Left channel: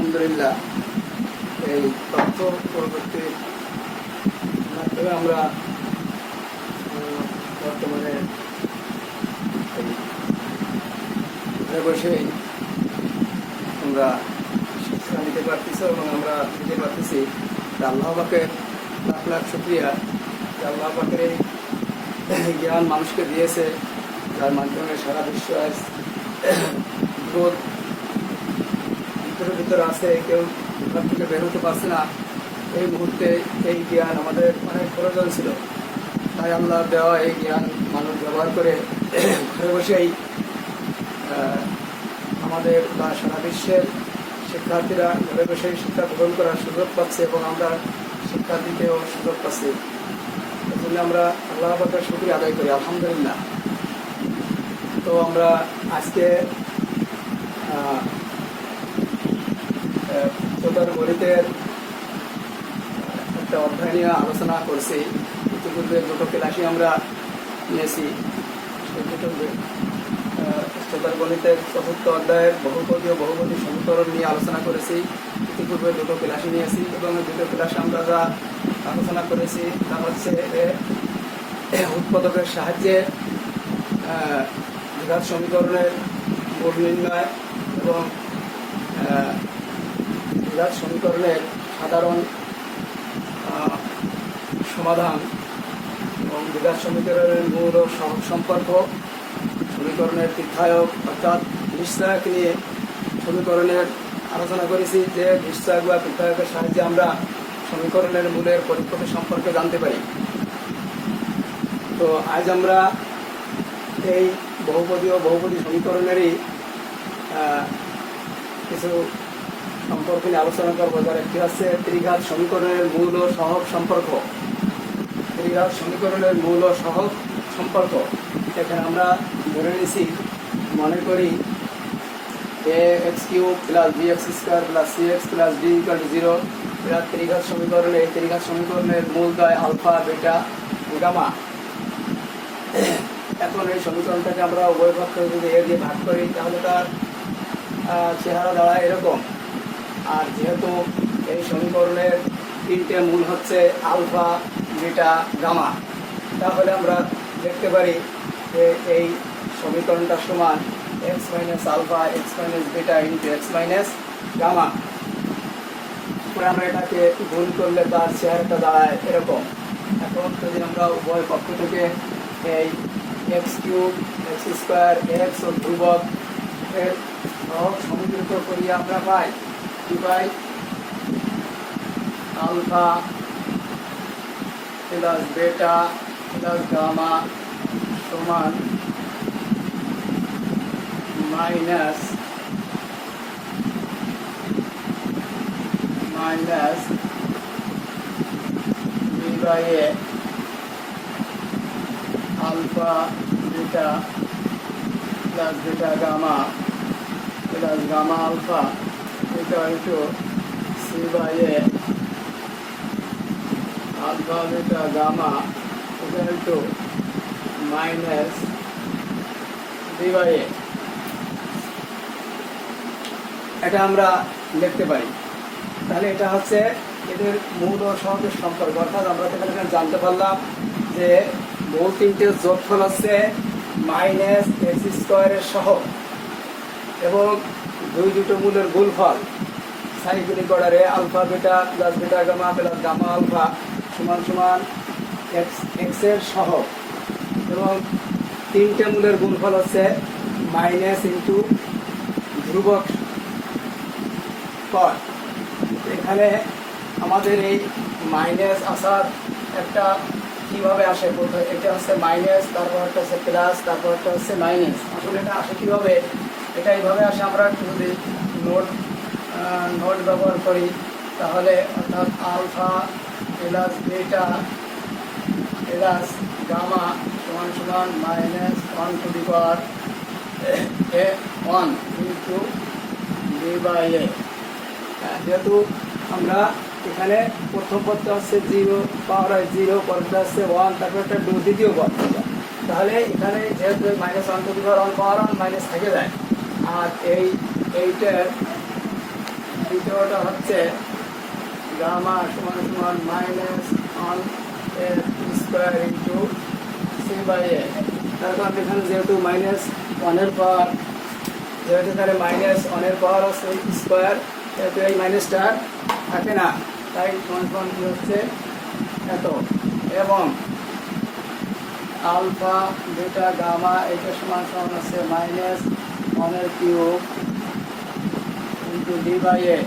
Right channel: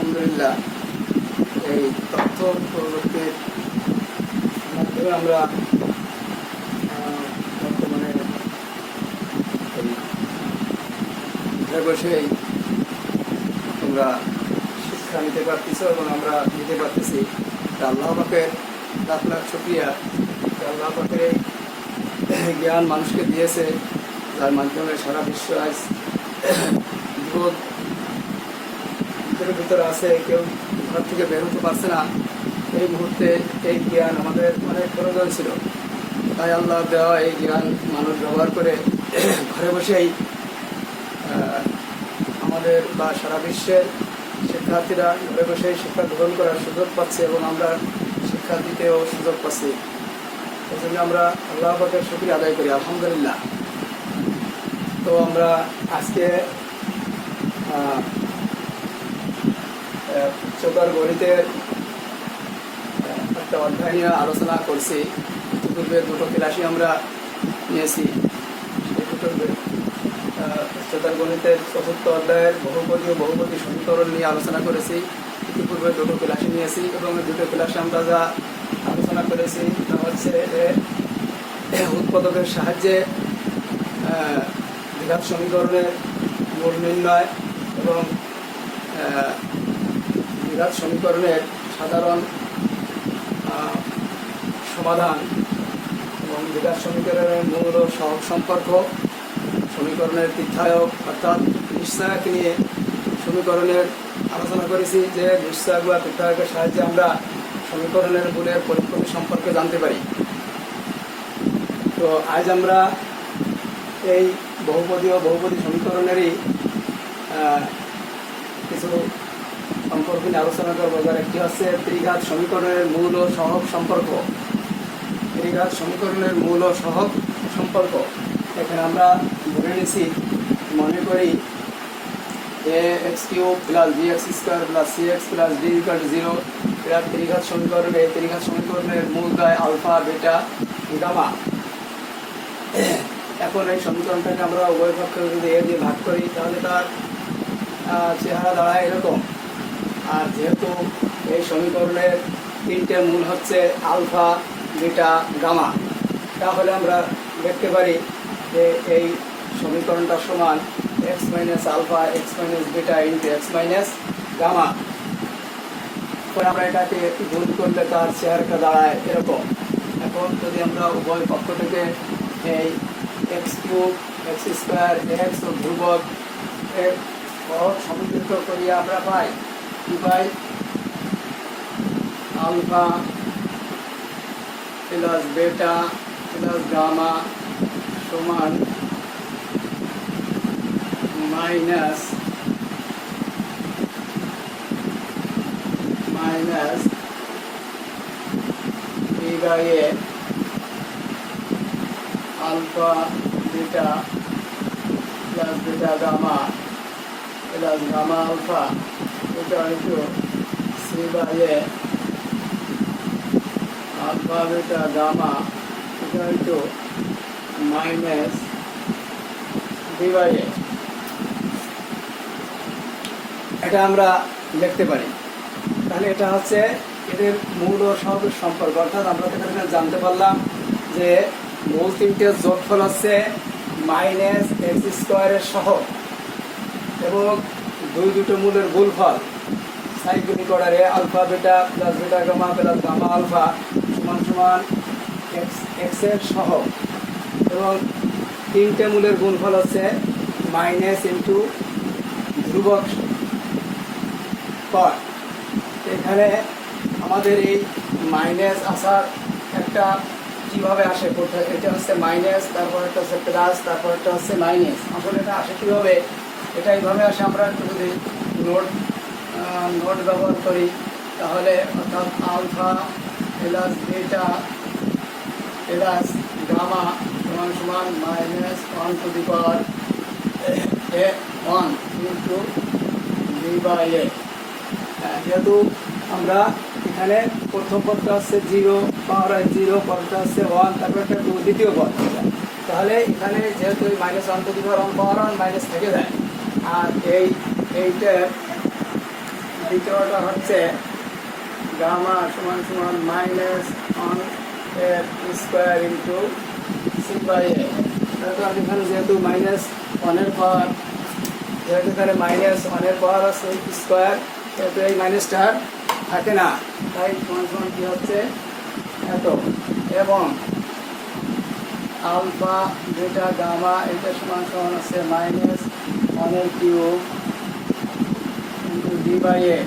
আলহামদুলিল্লাহ এই তথ্য প্রযুক্তির মাধ্যমে আমরা বর্তমানে ঘরে বসেই তোমরা শিক্ষা নিতে পারতেছ এবং আমরা নিতে পারতেছি। আল্লাহ পাকের লাখ লাখ শুকরিয়া। আল্লাহ পাকের এই জ্ঞান মানুষকে দিয়েছে, যার মাধ্যমে সারা বিশ্ব আজ বিপদ ভিতরে আছে, কেউ ঘর থেকে বের হতে পারছে না। এই মুহূর্তে এই জ্ঞান আমাদের অনেক প্রয়োজন ছিল, তাই আল্লাহ দেওয়া এই জ্ঞান মানুষ ব্যবহার করে ঘরে বসেই আমাদের বা সারা বিশ্বের শিক্ষার্থীরা ঘরে বসেই শিক্ষা গ্রহণ করার সুযোগ পাচ্ছে এবং আমরা শিক্ষা দিতেও সুযোগ পাচ্ছি। এই জন্য আমরা আল্লাহ পাকের শুকরিয়া আদায় করি, আলহামদুলিল্লাহ। তো আমরা আজকে উচ্চতর গণিতের একটা অধ্যায় নিয়ে আলোচনা করছি। ইতিপূর্বে দুটো ক্লাসই আমরা নিয়েছি। উচ্চতর গণিতের চতুর্থ অধ্যায়ের বহুপদী সমীকরণ নিয়ে আলোচনা করেছি। ইতিপূর্বে দুটো ক্লাসই নিয়েছি এবং দুটো ক্লাসে আমরা যা আলোচনা করেছি তা হচ্ছে উৎপাদকের সাহায্যে দ্বিঘাত সমীকরণের মূল নির্ণয় এবং দ্বিঘাত সমীকরণের সাধারণ সমাধান এবং দ্বিঘাত সমীকরণের মূল ও সহগ সম্পর্ক, সমীকরণের তীর্থায়ক অর্থাৎ নিশ্চয়ক নিয়ে সমীকরণের আলোচনা করেছি যে নিশ্চয়ক বা তীর্থায়কের সাহায্যে আমরা সমীকরণের মূলের পরিক্রমী সম্পর্কে জানতে পারি। তো আজ আমরা এই বহুপদী সমীকরণেরই কিছু সম্পর্ক নিয়ে আলোচনা করবো, যার একটি হচ্ছে ত্রিঘাত সমীকরণের মূল ও সহগ সম্পর্ক। ত্রিঘাত সমীকরণের মূল ও সহগ সম্পর্ক এখানে আমরা ধরে নিয়েছি, মনে করি ax³ + bx² + cx + d = 0 এর ত্রিঘাত সমীকরণের মূলদ্বয় আলফা, বিটা, গামা। এখন এই সমীকরণটাকে আমরা উভয় পক্ষে যদি এ দিয়ে ভাগ করি তাহলে তার চেহারা দাঁড়ায় এরকম। আর যেহেতু এই সমীকরণের তিনটে মূল হচ্ছে আলফা, বিটা, গামা, তাহলে আমরা দেখতে পারি যে এই সমীকরণটা সমান x - alpha x - beta × x - gamma. আমরা এটাকে গুণ করলে তার চেহারাটা দাঁড়ায় এরকম। এখন যদি আমরা উভয় পক্ষ থেকে এই x³ x² x ও ধ্রুবক এর সহগ সমীকৃত করিয়া আমরা পাই কি পাই? Alpha plus beta plus gamma সমান minus b/a alpha beta plus beta gamma plus gamma alpha c/a alpha beta gamma minus b/a। এটা আমরা লিখতে পারি। তাহলে এটা হচ্ছে এদের মূল ও সহগের সম্পর্ক। অর্থাৎ আমরা তো এখানে জানতে পারলাম যে মূল তিনটের যোগফল হচ্ছে -x² এর সহগ এবং দুটো মূলের গুণফল সাইক্লিক অর্ডারে alpha beta plus beta gamma plus gamma alpha সমান x এর সহগ এবং তিনটে মূলের গুণফল হচ্ছে মাইনাস ইন্টু ধ্রুবক পদ। এখানে আমাদের এই মাইনাস আসার একটা কিভাবে আসে, এটা হচ্ছে মাইনাস, তারপর একটা হচ্ছে প্লাস, তারপর একটা হচ্ছে মাইনাস। আসলে এটা আসে কীভাবে? এটা এইভাবে আসে। আমরা একটু যদি নোট ব্যবহার করি তাহলে অর্থাৎ alpha plus beta plus gamma সমান -1 ইন্টু b/a। যেহেতু আমরা এখানে প্রথম পদটা হচ্ছে 0 পাওয়ার 0, পদটা হচ্ছে 1, তারপর একটা দ্বিতীয় পদ, তাহলে এখানে যেহেতু -1 পাওয়ার 1 মাইনাস থেকে যায়। আর এইটার দ্বিতীয়টা হচ্ছে গামা সমান সমান minus on f square into c by a. তার কারণ এখানে যেহেতু মাইনাস ওয়ানের পাওয়ার, যেহেতু এখানে মাইনাস ওয়ানের পাওয়ার আছে স্কোয়ার, সেহেতু এই মাইনাসটা থাকে না, তাই সমান সমান কী হচ্ছে এত। এবং আলফা বেটা গামা এটা সমান সমান আছে মাইনাস ওয়ানের কিউব ইন্টু ডি বাই এ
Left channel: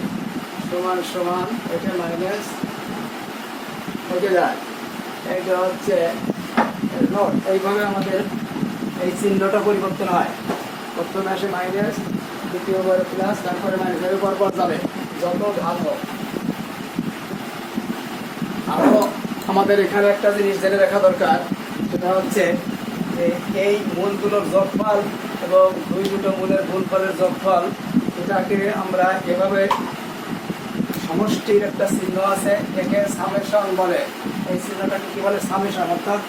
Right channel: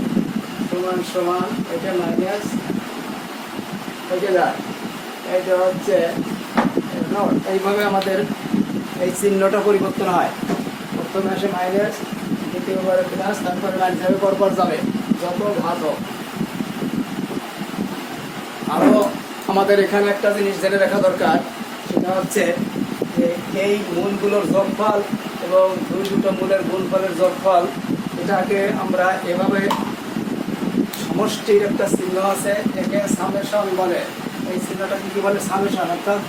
সমান সমান এটা মাইনাস হয়ে যায়। এইটা হচ্ছে নোট। এইভাবে আমাদের এই চিহ্নটা পরিবর্তন হয়, প্রথমে আসে মাইনাস, দ্বিতীয়বারে প্লাস, তারপরে মাইনাস হয়ে পরপর যাবে যত ঘাত হোক। আরও আমাদের এখানে একটা জিনিস জেনে রাখা দরকার, সেটা হচ্ছে যে এই মূলগুলোর যোগফল এবং দুটো মূলের গুণফলের যোগফল, এটাকে আমরা এভাবে সমষ্টির একটা চিহ্ন আছে, একে সামেশন বলে। এই চিহ্নটাকে কি বলে? সামেশন, অর্থাৎ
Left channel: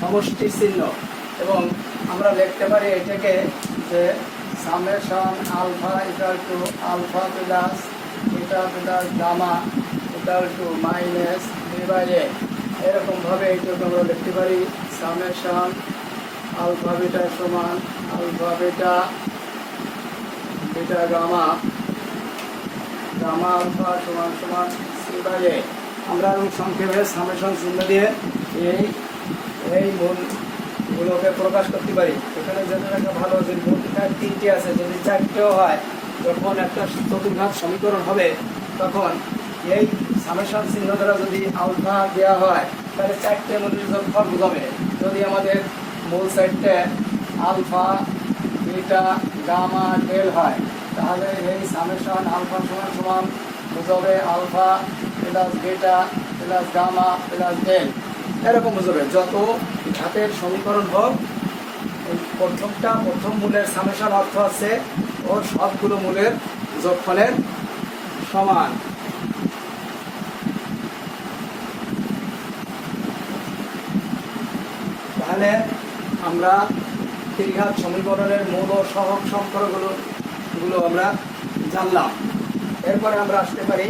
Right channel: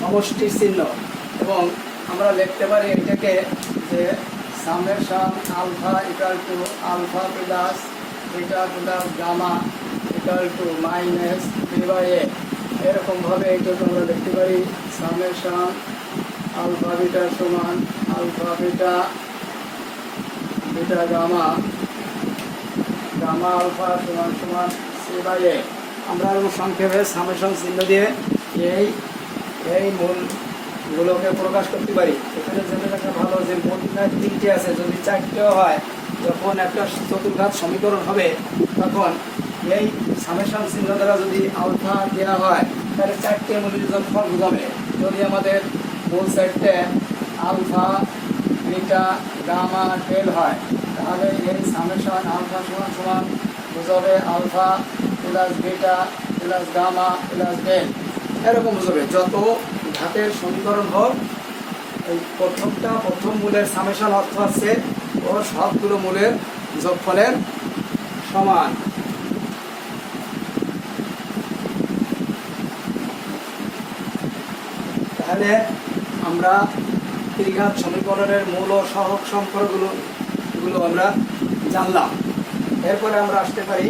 সমষ্টি চিহ্ন। এবং আমরা লিখতে পারি এটাকে যে summation alpha equal to alpha plus beta plus gamma equal to minus d by a. এরকমভাবে এইটাকে আমরা লিখতে পারি সামেশন আলফা বিটা সমান alpha beta beta gamma gamma alpha সমান সমান সি বাই এ। আমরা সংক্ষেপে সামেশন চিহ্ন দিয়ে এই মূলগুলোকে প্রকাশ করতে পারি। এখানে যেটা ভালো যে মূলঘাত তিনটে আছে, যদি চারটেও হয়, যখন একটা চতুর্ঘাত সমীকরণ হবে তখন এই সামেশন চিহ্ন দ্বারা যদি আলফা দেওয়া হয় তাহলে চারটে মূলের যোগফল বোঝাবে। যদি আমাদের মূল সাইডটা আলফা বিটা গামা ডেল হয়, তাহলে এই সামেশন আলফা সমান সমান বোঝাবে alpha plus beta plus gamma plus delta, এরকম বোঝাবে। যত ঘাতের সমীকরণ হোক, এই প্রথম মূলের সামেশন অর্থ আছে ও সবগুলো মূলের যোগফলের সমান। তাহলে আমরা ত্রিঘাত সমীকরণের মূল ও সহগ সম্পর্কগুলো আমরা জানলাম। এরপরে আমরা আসতে পারি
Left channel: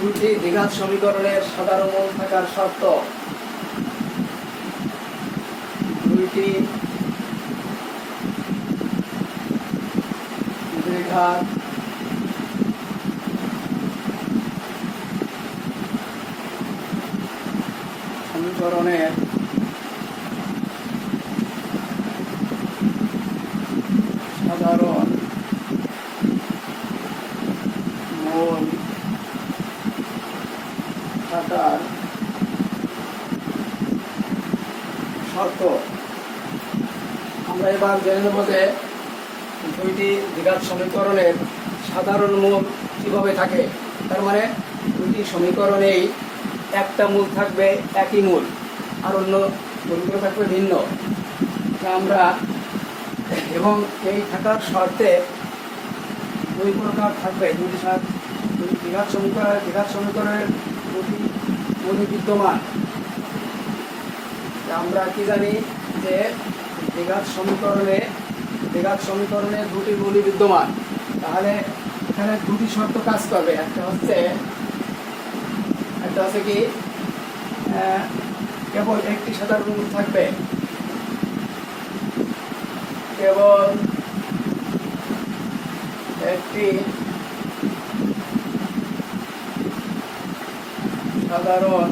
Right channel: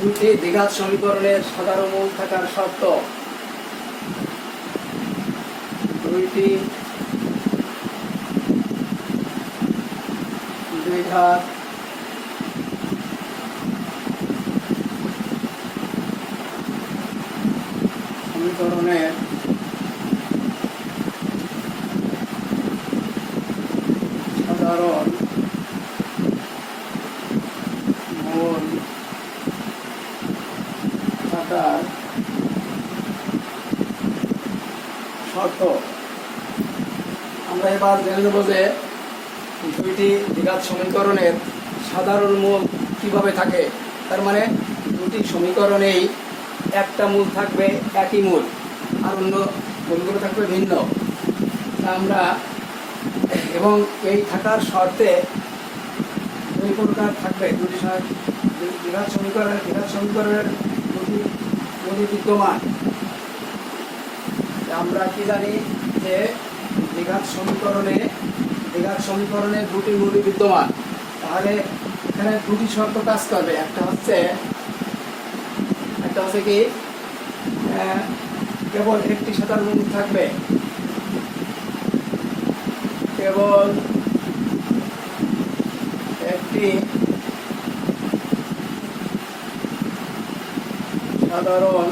দুটি দ্বিঘাত সমীকরণের সাধারণ মূল থাকার শর্ত। দুইটি দ্বিঘাত সমীকরণের সাধারণ মূল থাকার শর্ত। আমরা এবার জেনে নেব যে দুইটি দ্বিঘাত সমীকরণের সাধারণ মূল কিভাবে থাকে। তার মানে দুটি সমীকরণেই একটা মূল থাকবে একই মূল, আর অন্য মূলগুলো থাকবে ভিন্ন। আমরা এবং এই থাকার শর্তে দুই প্রকার থাকবে। দুটি দ্বিঘাত সমীকরণের দুটি বিদ্যমান। আমরা কি জানি যে দ্বিঘাত সমীকরণে দুটি মূলই বিদ্যমান। তাহলে এখানে দুটি শর্ত কাজ করবে। একটা হচ্ছে কি কেবল একটি সাধারণ মূল থাকবে, কেবল একটি সাধারণ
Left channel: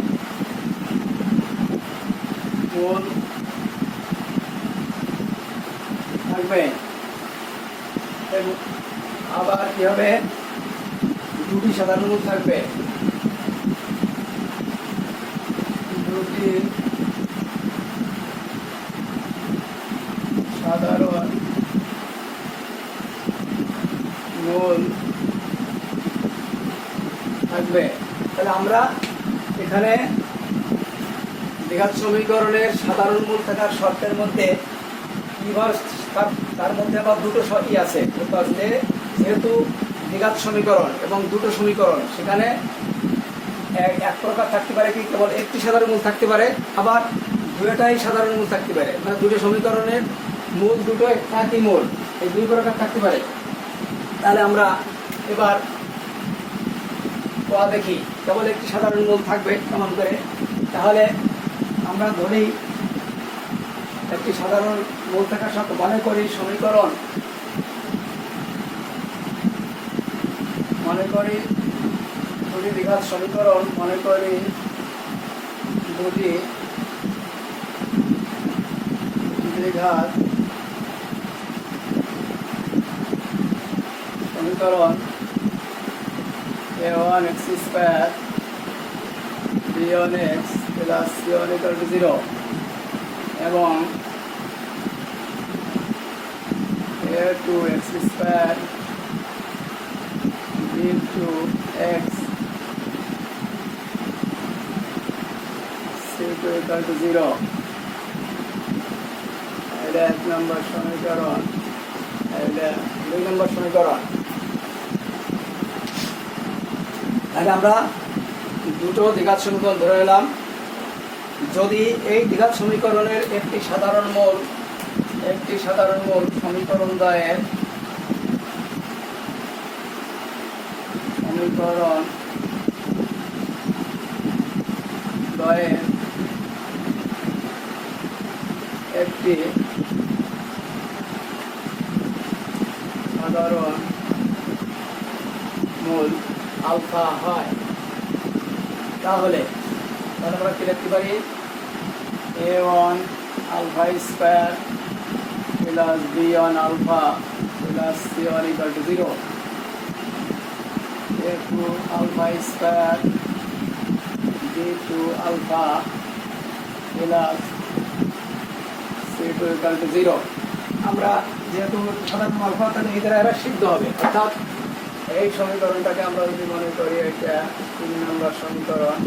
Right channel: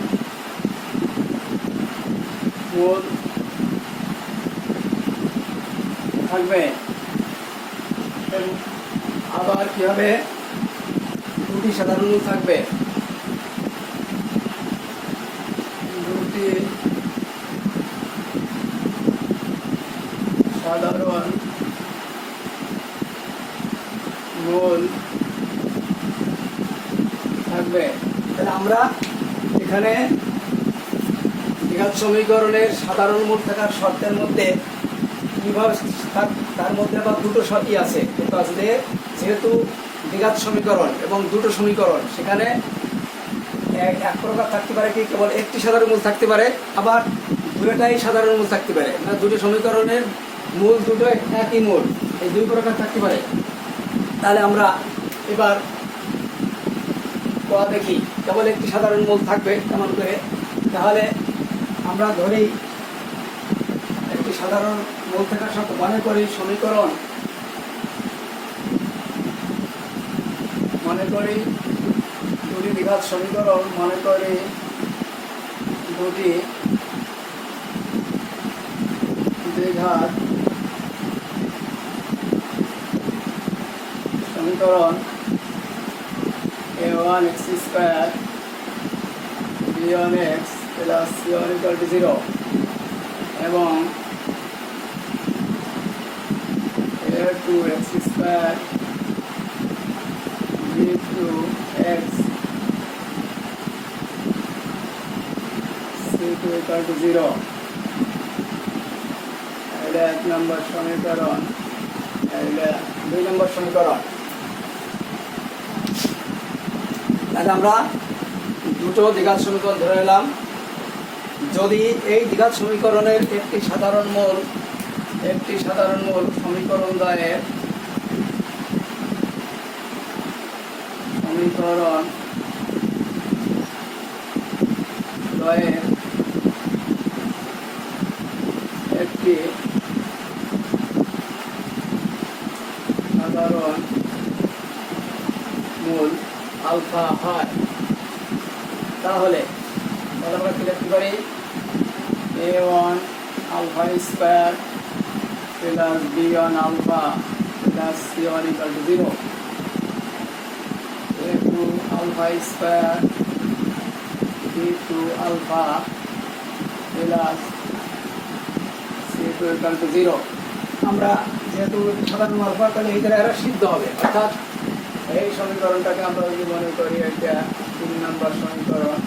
মূল থাকবে। আবার কি হবে? দুটি সাধারণ মূল থাকবে, দুটি সাধারণ মূল থাকবে। তাহলে আমরা এখানে দ্বিঘাত সমীকরণের সাধারণ মূল থাকার শর্তের মধ্যে কিভাবে তার মধ্যে আবার দুটো শর্তই আছে। যেহেতু দ্বিঘাত সমীকরণ এবং দুটো সমীকরণ, সেখানে এক প্রকার থাকতে পারে কি কেবল একটি সাধারণ মূল থাকতে পারে, আবার দুটোটাই সাধারণ মূল থাকতে পারে, মানে দুটো সমীকরণের মূল দুটো একই মূল, এই দুই প্রকার থাকতে পারে। তাহলে আমরা এবার দেখি কেবল একটি সাধারণ মূল থাকবে কেমন করে। তাহলে আমরা ধরেই একটি সাধারণ মূল থাকার সাথে মনে করি সমীকরণ, মনে করি দুটি দ্বিঘাত সমীকরণ, মনে করি দুটি দ্বিঘাত সমীকরণ a1x square b1x plus c1 = 0 এবং a2x স্কয়ার b2x c2 = 0। এটা 1 নম্বর সমীকরণ, এটা 2 নম্বর সমীকরণ। তাহলে আমরা দুটো দ্বিঘাত সমীকরণ ধরে নিলাম। যদি এই দ্বিঘাত সমীকরণের একটি সাধারণ মূল সমীকরণ দ্বয়ের একটি সাধারণ মূল আলফা হয়, তাহলে আমরা কি লিখতে পারি? a1 alpha square plus b1 alpha plus c1 = 0, a2 alpha square b2 alpha plus c2 = 0। আমরা যেহেতু সাধারণ আলফা, তাহলে এই দ্বারা এরা সিদ্ধ হবে, অর্থাৎ এই সমীকরণটাকে আমরা যদি মনে করি এটা 3 নম্বর সমীকরণ,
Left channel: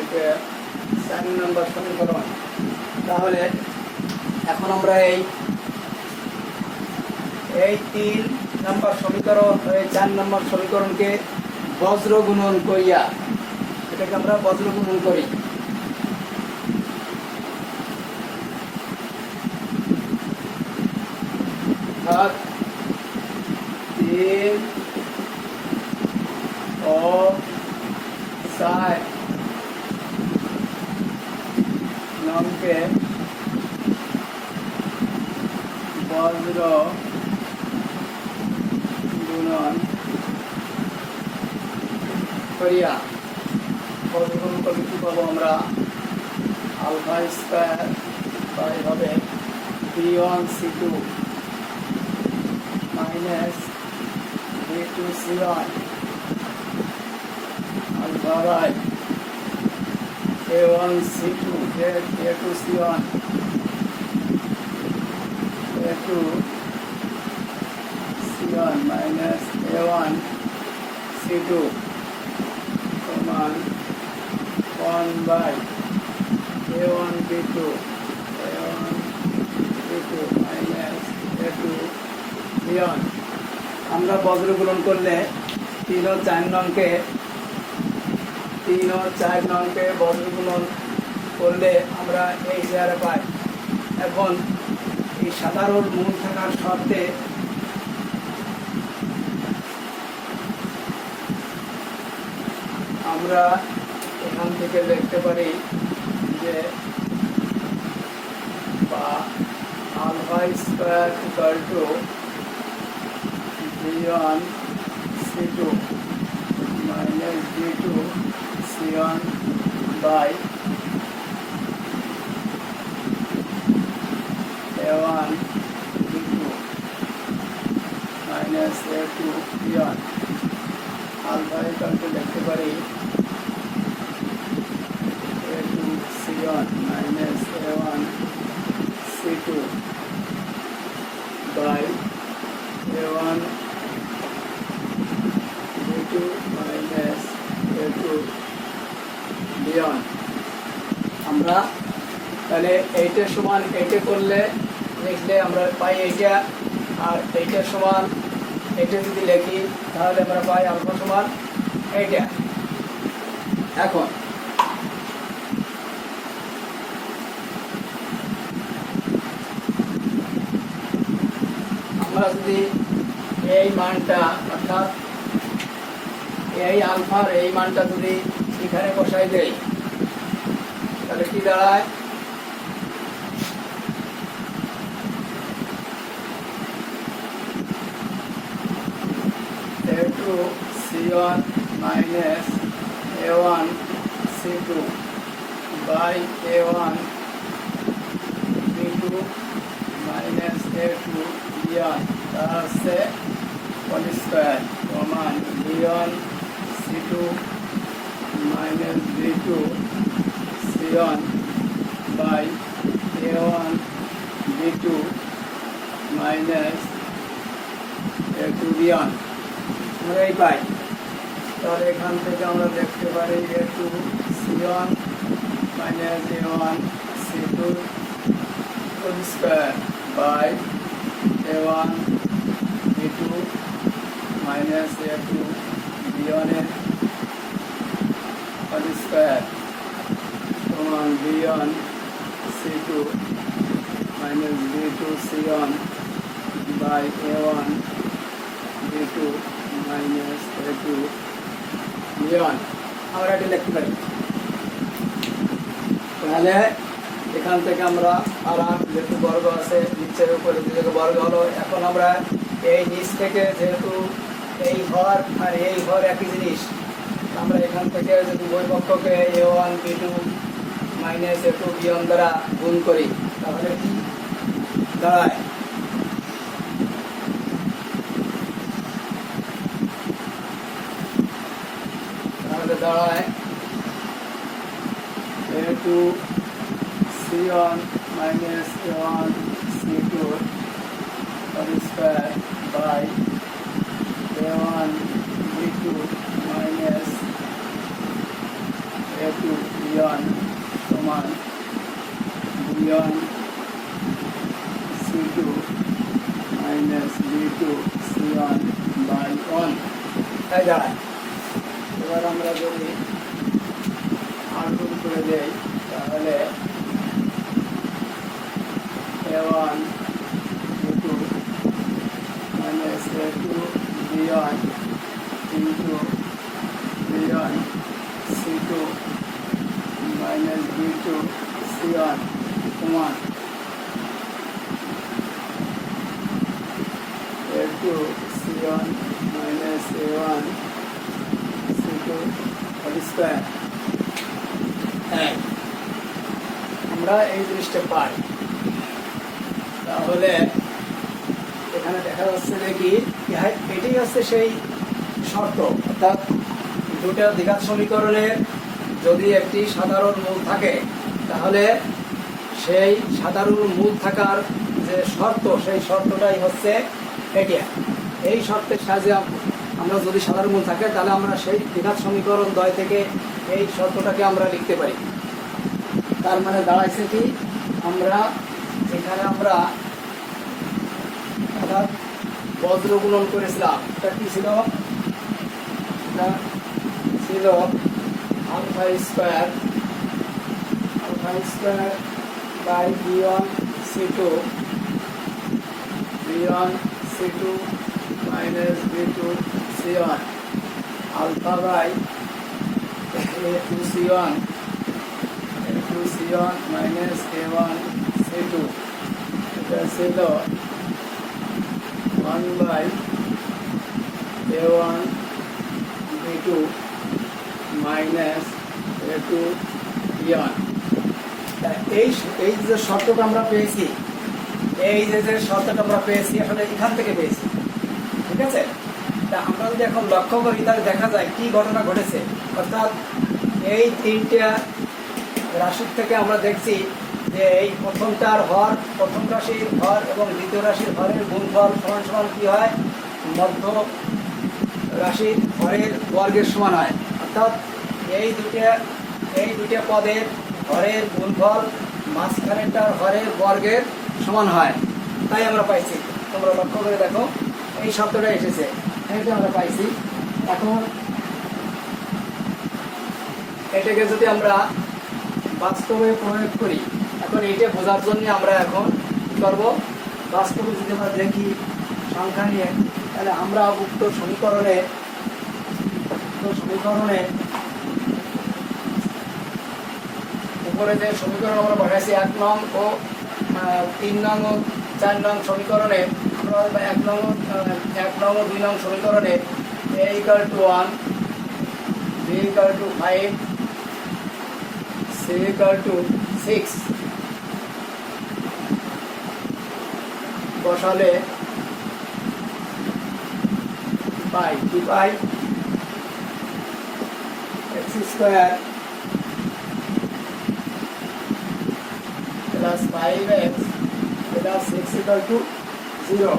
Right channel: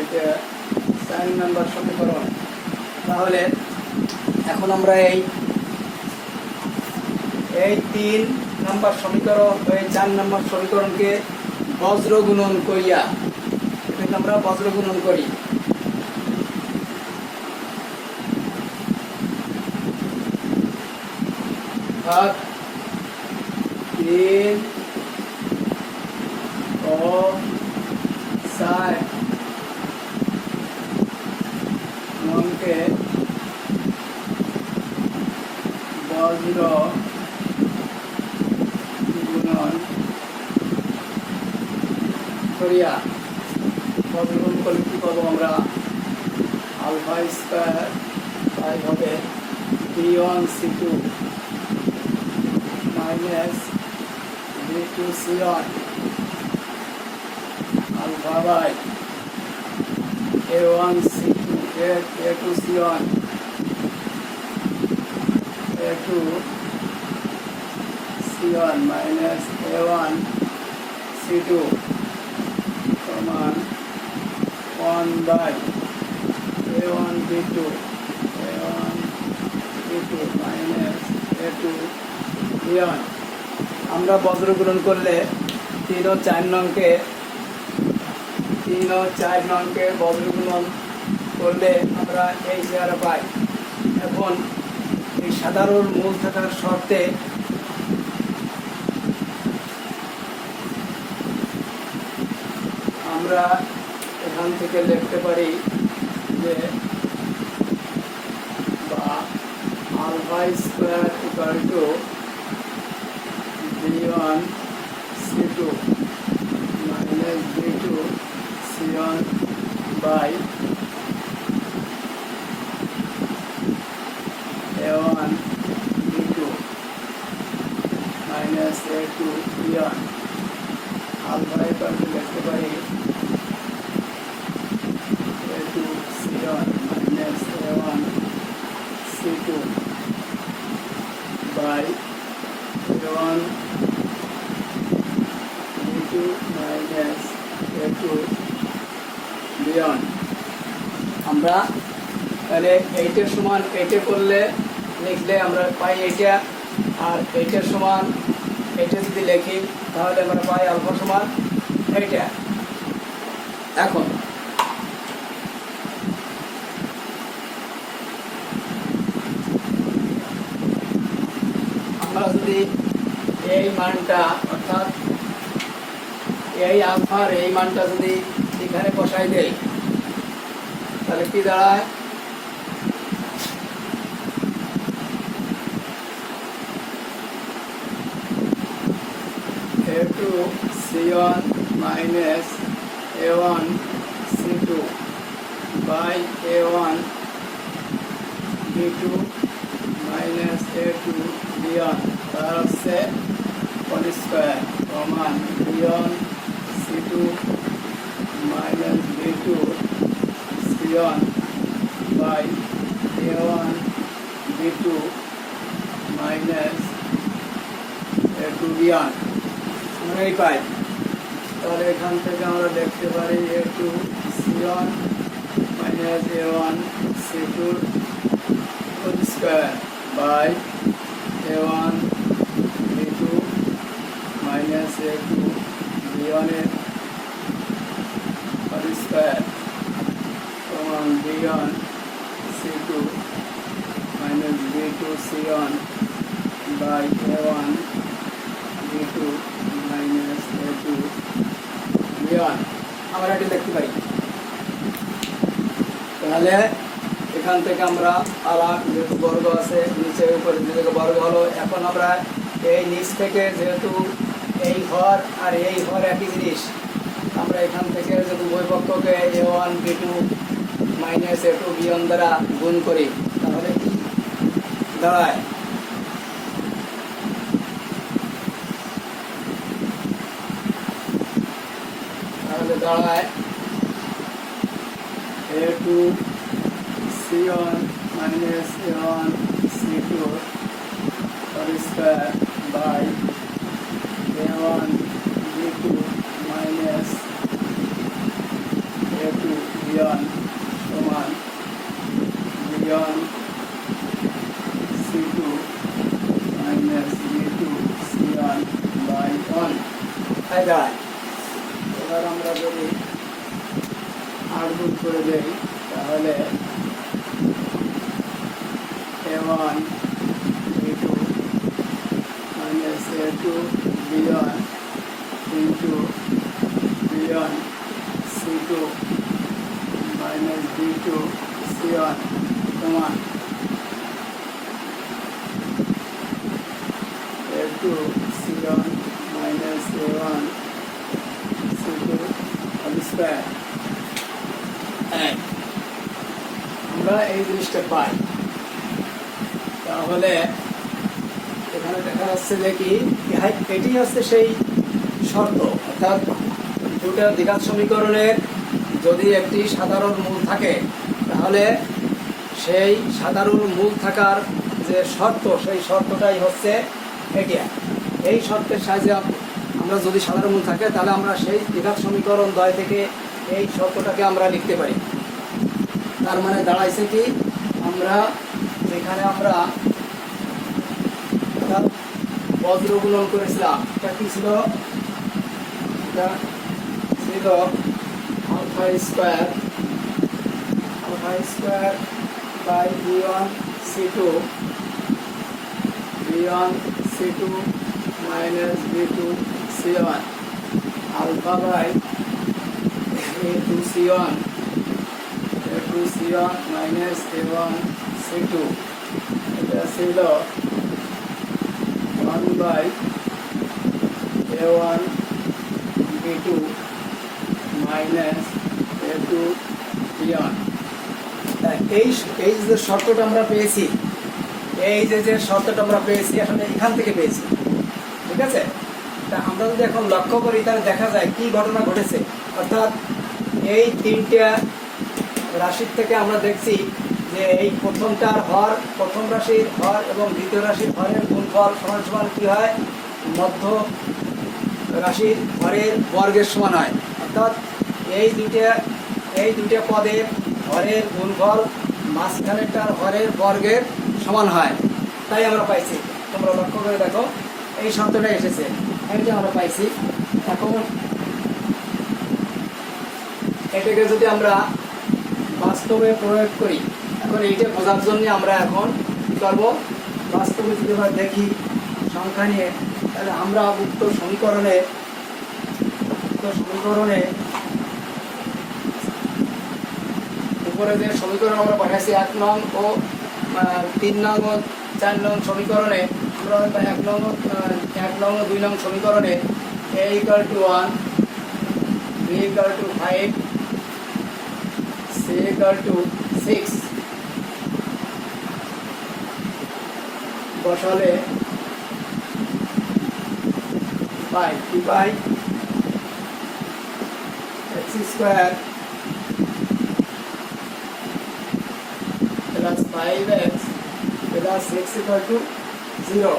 এটা 4 নম্বর সমীকরণ, তাহলে এখন আমরা এই 3 নম্বর সমীকরণ, এই 4 নম্বর সমীকরণকে বজ্র গুণন করিয়া, এটাকে আমরা বজ্র গুণন করি। অর্থাৎ 3 ও 4 নংকে বজ্র গুণন করিয়া, বজ্র গুণন করলে কি করবো আমরা? আলফা স্কয়ার তাই হবে b1 c2 minus b2 c1 alpha by a1 c2 a2 c1 a2 c1 minus a1 c2 সমান 1 by a1 b2 minus a2 b1। আমরা বজ্র গুণন করলে 3 ও 4 নংকে বজ্র গুণন করলে আমরা এই চেহারা পাই। এখন এই সাধারণ মূল থাকার শর্তে আমরা এখান থেকে লিখতে পারি যে alpha square equal to b1 c2 minus b2 c1 by a1 b2 minus a2 b1। Alpha equal to লিখতে পারি a2 c1 minus a1 c2 by a1 b2 minus a2 b1। আমরা তাহলে এইটার সমান এইটা করলে লিখলে আমরা পাই এইটা, আর এইটার সমান এইটা যদি লিখি তাহলে আমরা পাই আলফা সমান এইটা। এখন আমরা যদি এই মানটা অর্থাৎ এই আলফার এই মানটা যদি এখানে বসাই দেই তাহলে কি দাঁড়ায়? A2 C1 minus A1 C2 by A1 B2 minus A2 B1 তার হচ্ছে হোল স্কয়ার সমান B1 C2 minus B2 C1 by A1 B2 minus A2 B1 এই পাই। তাহলে এখান থেকে আমরা দেখতে পারি A2 C1 minus A1 C2 whole square by A1 B2 minus A2 B1 এর হোল স্কয়ার সমান B1 C2 minus B2 C1 by A1 B2 minus A2 B1 আমরা এটা দেখতে পাই। তাহলে এখান থেকে আমরা আর যেহেতু বর্গ আছে নিচে উপরে দিকে বর্গ হলো, এখন আমরা এই নিচ থেকে যেহেতু এই হর আর এই হর একই জিনিস, আমরা এখান থেকে যদি উভয় পক্ষকে A1 B2 minus A2 B1 দ্বারা গুণ করি তাহলে কি দাঁড়ায়? তাহলে দাঁড়ায় A2 C1 minus A1 C2 whole square by A1 B2 minus A2 B1 সমান B1 C2 minus B2 C1 by 1 তাই দাঁড়ায়। এবার আমরা যদি আর গুণ করে দেই তাহলে A1 B2 minus A2 B1 into B1 C2 minus B2 C1 সমান A2 C1 minus A1 C2 whole square. আমরা এই জিনিসটা পাই। তাহলে এখানে দেখা যাচ্ছে যে কি এটি হচ্ছে সেই শর্ত, অর্থাৎ দুটো দ্বিঘাত সমীকরণের যদি একটি সাধারণ মূল থাকে তাহলে সেই সাধারণ মূল থাকার যে শর্ত সেই শর্তটাই হচ্ছে এটা। এই শর্তের সাহায্যে আমরা যদি সাধারণ মূল থাকে তাহলে আমরা সেই দ্বিঘাত সমীকরণ দ্বয় থেকে এই শর্তটাকে আমরা লিখতে পারি। তার মানে দাঁড়াইছে কি আমরা যেখানে আমরা বজ্র গুণন করেছিলাম এটা কি ছিল? এটা ছিল alpha square by B1 C2 minus B2 C1 alpha by A2 C1 minus A1 C2 এটা ছিল 1 by A1 B2 minus A2 B1। এই যে শর্তটা আমরা পেয়েছি, এই যে শর্তটা আমরা পেয়েছি আসলে এখান থেকে পেয়েছি, ঠিক আছে? তা আমরা যদি এখন লক্ষ্য করি তাহলে দেখা যায় কি ঘটনা ঘটেছে। অর্থাৎ এই তিনটে রাশির থেকে আমরা দেখছি যে এই প্রথমটার হর, প্রথম রাশির হর এবং দ্বিতীয় রাশির হরের গুণফল সমান সমান কি হয়? মধ্য রাশির হরের বর্গের সমান হয়। অর্থাৎ এই দুইটা পদের হরের গুণফল মাঝখানেটার হরের বর্গের সমান হয়, তাই আমরা পাইছি। তোমরা লক্ষ্য করে দেখো এই শব্দটা এসেছে, এটা আমরা পাইছি। এখন এটাকে যদি আমরা বাস্তবে প্রয়োগ করি, এখন এইটা বোঝার জন্য আমরা এখন কি করব? বাস্তবে যদি আমরা দেখি সংখ্যা নিয়ে, তাহলে আমরা উক্ত সমীকরণে উপরে যে সমীকরণ আমরা পাঠাইছি 1 নং ও 3 নং ও 4 নং সমীকরণে, আমরা 1 নং ও 2 নং সমীকরণে a = 1, b = 5, c = 6 বসালে পাই কি পাই, x square plus 5x plus 6 = 0।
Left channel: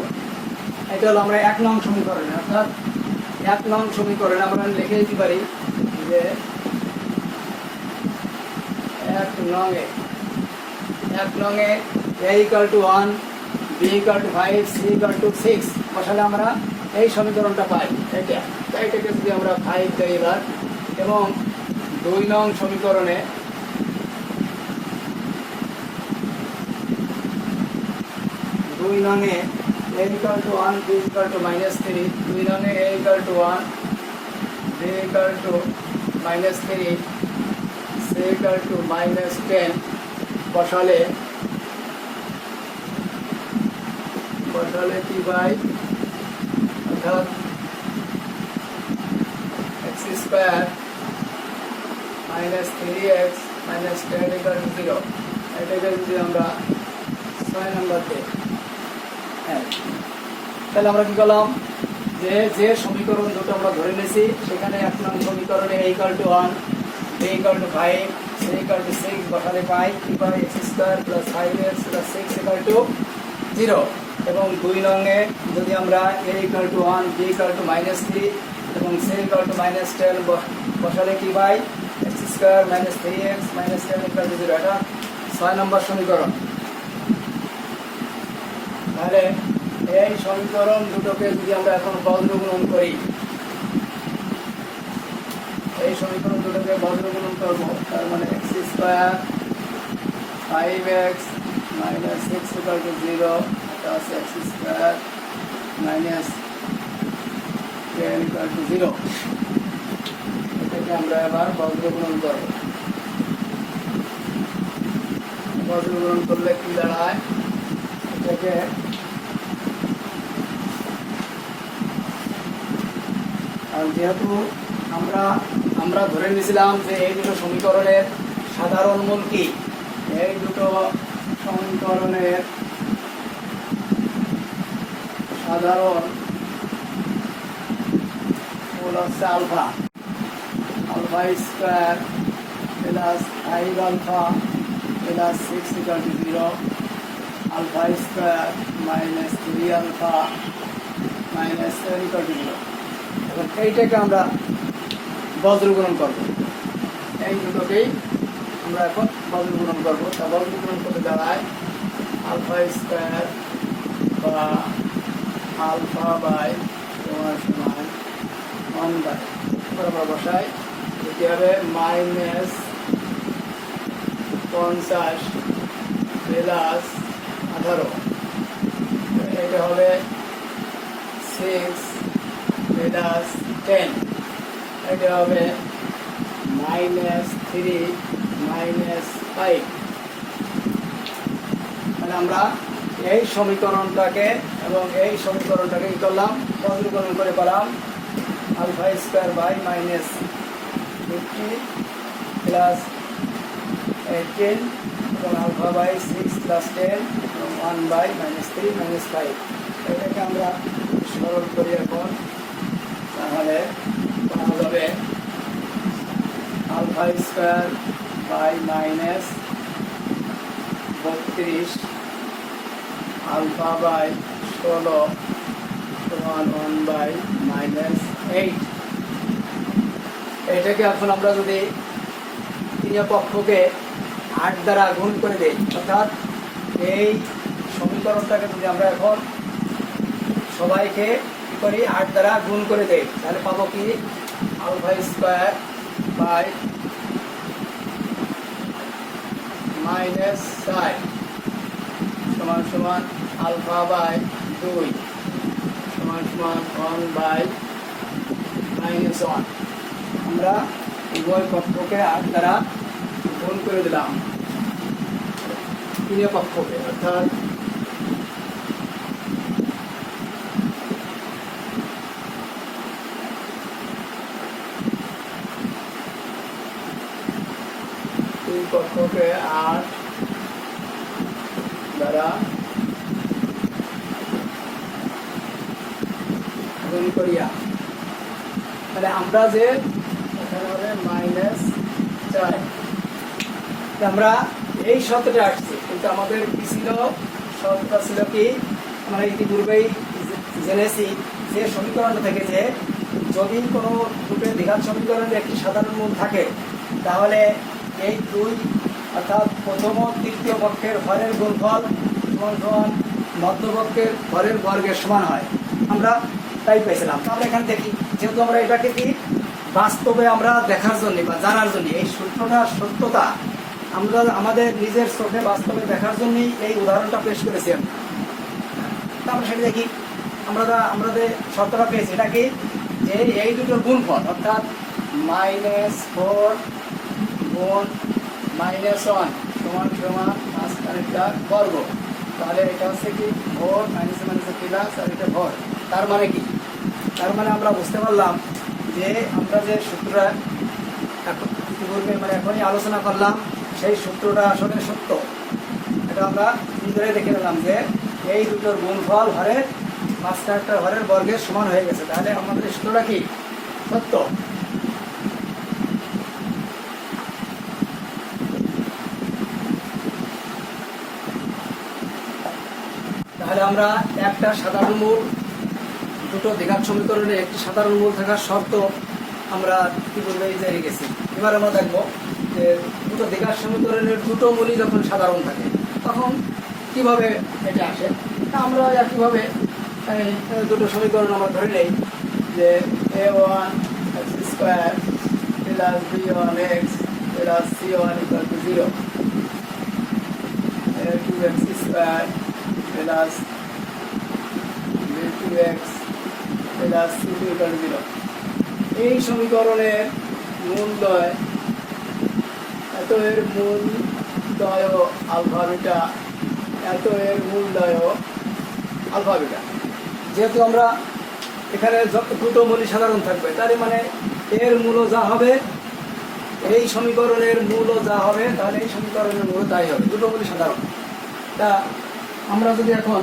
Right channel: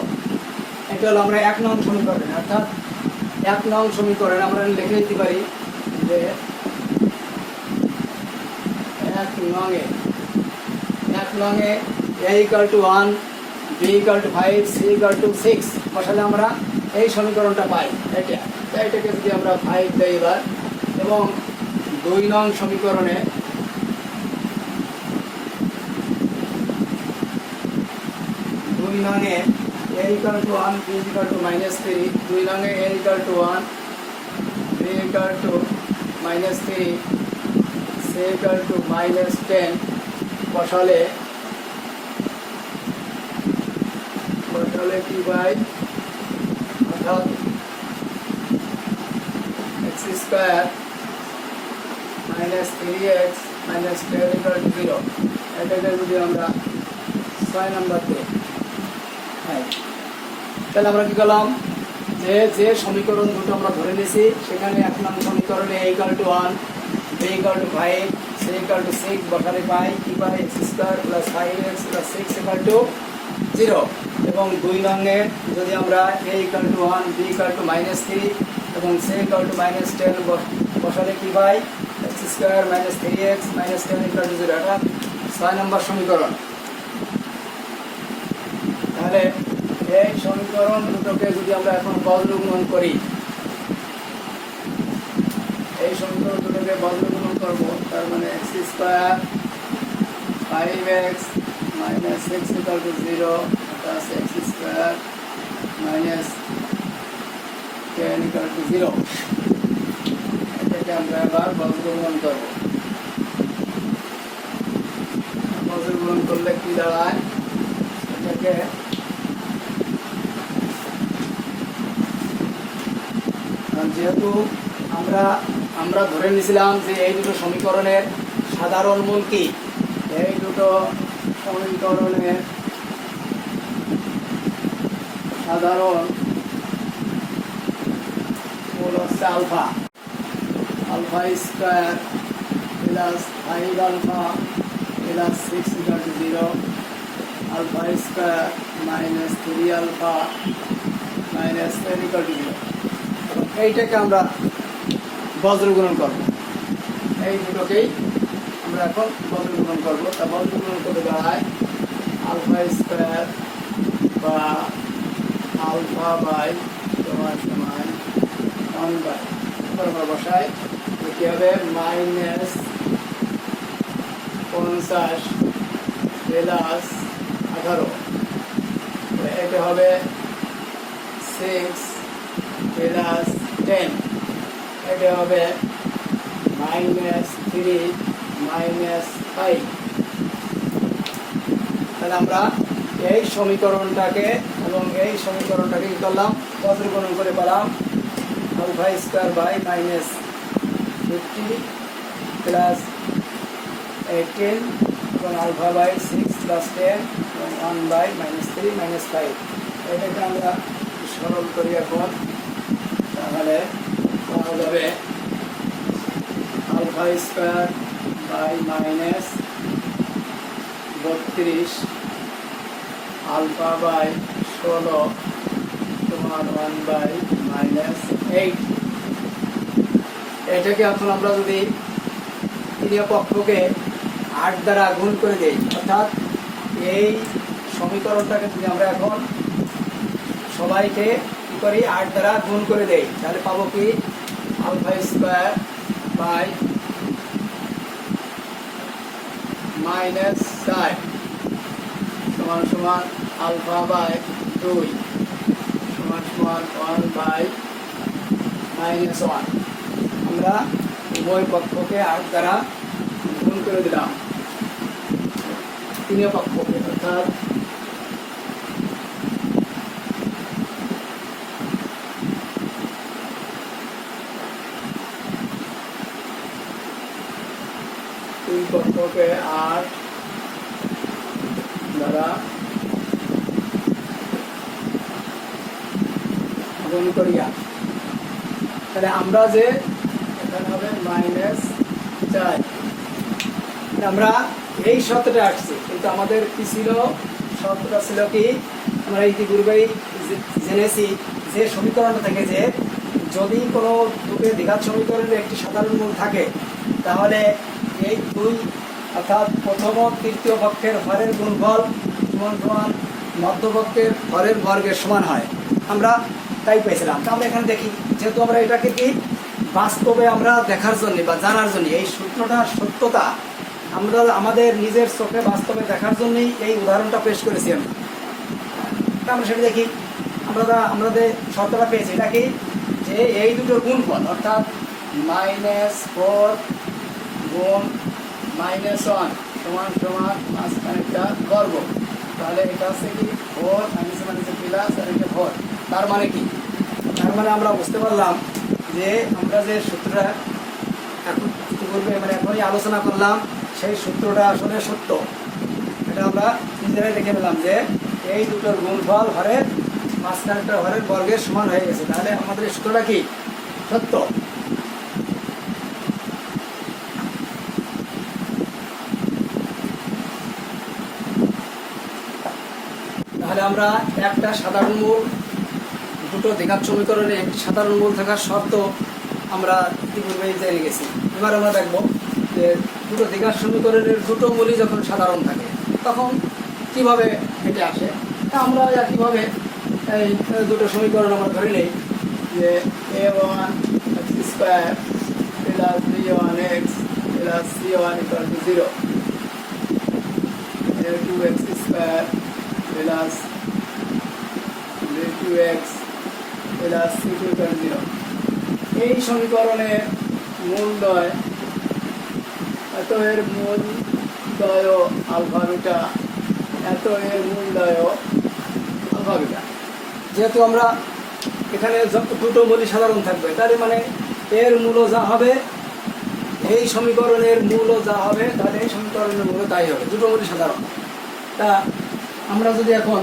এটা হলো আমরা 1 নং সমীকরণ। অর্থাৎ 1 নং সমীকরণ আমরা লিখে দিতে পারি যে 1 নংয়ে a = 1, b = 5, c = 6 বসালে আমরা এই সমীকরণটা পাই। এটাকে যদি আমরা 5 দেই এবার, এবং 2 নং সমীকরণে a = 1, b = -3, 2 নংয়ে a = 1, b = -3, c = -10 বসালে কি পাই, অর্থাৎ x স্কয়ার -3x -10 = 0। এটাকে যদি আমরা 6 নম্বর দিই, তাহলে আমরা কি করলাম, যে সমীকরণ দুটো আমরা ধরে নিয়েছি সেখানে 1 নং সমীকরণে a = 1, b = 5, c = 6 বসালে পাই কি পাই, x square plus 5x plus 6 = 0। এবং 2 নংয়ে যদি আমরা a = 1, b = -3 এবং c = -10 বসালে কি পাই, x স্কয়ার -3x -10 = 0। এটা 6 নম্বর সমীকরণ। তাহলে এই সমীকরণ দুটোকে যদি আমরা এখন বজ্রগুণন করি, করব, তার মানে x square 5x -6 = 0 plus x square -10 = 0। এটাকে আমরা এবার বজ্রগুণন করব। বজ্রগুণন করলে কি দাঁড়ায়, এটাকে যেহেতু আমরা ধরে নিয়েছিলাম যে এই দুটো সমীকরণের সাধারণ মূল কি, এই দুটো সমীকরণের সাধারণ মূল হচ্ছে alpha square plus 5 alpha plus 6 = 0, alpha square -3 alpha -10 = 0। এবং এইটাকে আমরা বজ্রগুণন করব, এই দুটোকেই আমরা এখন বজ্রগুণন করব। তা বজ্রগুণন করতে দাঁড়ায় আলফা স্কয়ার বা আলফা বাই তোমার সমান 1/, আমরা বসাই, এটি হবে -50 প্লাস 18, এটা হবে 6 প্লাস 10, এটা হবে -3 -5। তাহলে আমরা এই সমীকরণটাকে এবং এই সমীকরণটাকে কি করলাম, বজ্রগুণন করে পেলাম আলফা স্কয়ার বাই -50 প্লাস 18 এবং আলফা বাই 6 প্লাস 10 এবং 1/-3 -5। এটাকে আমরা সরল করি এখন, তাহলে পাওয়া যাবে alpha square by -32 alpha by 16 সমান 1/-8। এটাকে এখন আমরা যদি তৃতীয় পক্ষকে 8 দ্বারা গুণ করে দেই, অর্থাৎ এই সমীকরণটাকে যদি আমরা এখন সবাইকে কি করি 8 দ্বারা গুণ করে দেই, তাহলে পাবো কি আলফা স্কয়ার বাই -4 সমান আলফা বাই 2 সমান 1 বাই -1। আমরা উভয় পক্ষকে 8 দ্বারা গুণ করে দিলাম, তিনও পক্ষকে, অর্থাৎ তিন পক্ষকে 8 দ্বারা গুণ করিয়া, তাহলে আমরা যে এখানে হবে -4, আমরা এই শর্তটা আসছে, কিন্তু আমাদের কি ছিল, শর্তটা ছিল কি, আমরা ইতিপূর্বেই জেনেছি যে সমীকরণটা থেকে যে যদি কোনো দুটো দ্বিঘাত সমীকরণের একটি সাধারণ মূল থাকে, তাহলে এই দুই অর্থাৎ প্রথম ও তৃতীয় পক্ষের হরের গুণফল সমান সমান মধ্যপক্ষের হরের বর্গের সমান হয়। আমরা তাই পেয়েছিলাম। আমরা এখানে দেখি, যেহেতু আমরা এটাকে কি বাস্তবে আমরা দেখার জন্য বা জানার জন্য, এই সূত্রটার সত্যতা আমরা আমাদের নিজের চোখে বাস্তবে দেখার জন্যই এই উদাহরণটা পেশ করেছি। আমরা সেটা দেখি, আমরা যে শর্তটা পেয়েছি এটা কি, যে এই দুটোর গুণফল অর্থাৎ -4 গুণ -1 সমান সমান মাঝখানেরটা বর্গ, তাহলে এটা হচ্ছে কি ভর, মাইনাস মাইনাসে প্লাস, আর এটা ভর। তার মানে কি, তার মানে আমরা বুঝতে পারলাম যে আমরা যে সূত্রটা এখন ইতিপূর্বে মানে এখনই আলোচনা করলাম, সেই সূত্রটা আসলে সত্য। এটা আমরা নিজেরাই দেখে নিলাম যে এই দুটোর গুণফল হরের মাঝখানেরটা হরের বর্গের সমান হয়ে গেছে, তাহলে আমাদের এই সূত্রটা কি সত্য। তাহলে আমরা একটা সাধারণ মূল, দুটো দ্বিঘাত সমীকরণে একটি সাধারণ মূল থাকার শর্ত আমরা ইতিপূর্বেই জেনে গেছি। এবার আমরা দেখব যে দুটো দ্বিঘাত সমীকরণের দুটো মূলই যখন সাধারণ থাকে তখন কিভাবে এটা আসে। তা আমরা একইভাবে এই দুটো সমীকরণ আমরা ধরে নেই যে a1 x² plus b1 x plus c1 = 0, a2x² plus b2x plus c2 = 0। এই সমীকরণের মূলদ্বয়, এত এর মূলদ্বয় আলফা বিটা, এত এর মূলদ্বয় আলফা বিটা। যেহেতু আমরা এখানে দুটো মূলই সাধারণ থাকবে, তার মানে এর মূলও যা হবে, এই সমীকরণের মূলও যা হবে, তাহলে এই সমীকরণের মূলও তাই হবে, দুটো মূলই সাধারণ। তা আমরা যদি এখন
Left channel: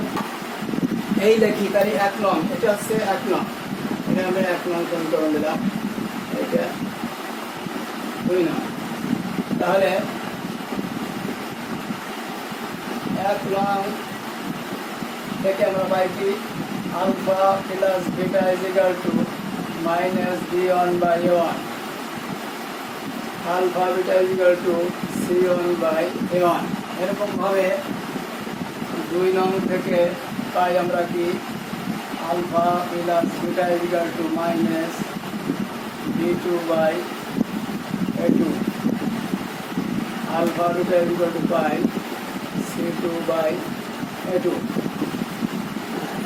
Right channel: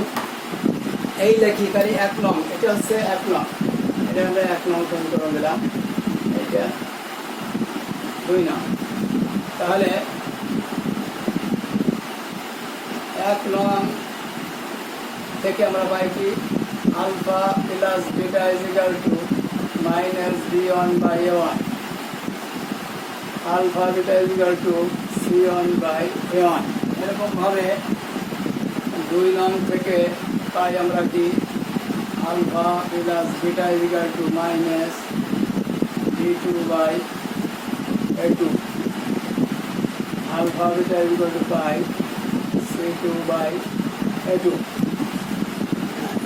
এই লেখি, তাহলে 1 নং, এটা হচ্ছে 1 নং, এটা আমরা 1 নং সমীকরণ দিলাম, এইটা 2 নং। তাহলে 1 নং থেকে আমরা পাই কি, alpha plus beta = -b1/a1, alpha beta = c1/a1। এরকম ভাবে 2 নং থেকে পাই আমরা কি, alpha plus beta - b2/a2, alpha beta পাই c2/a2।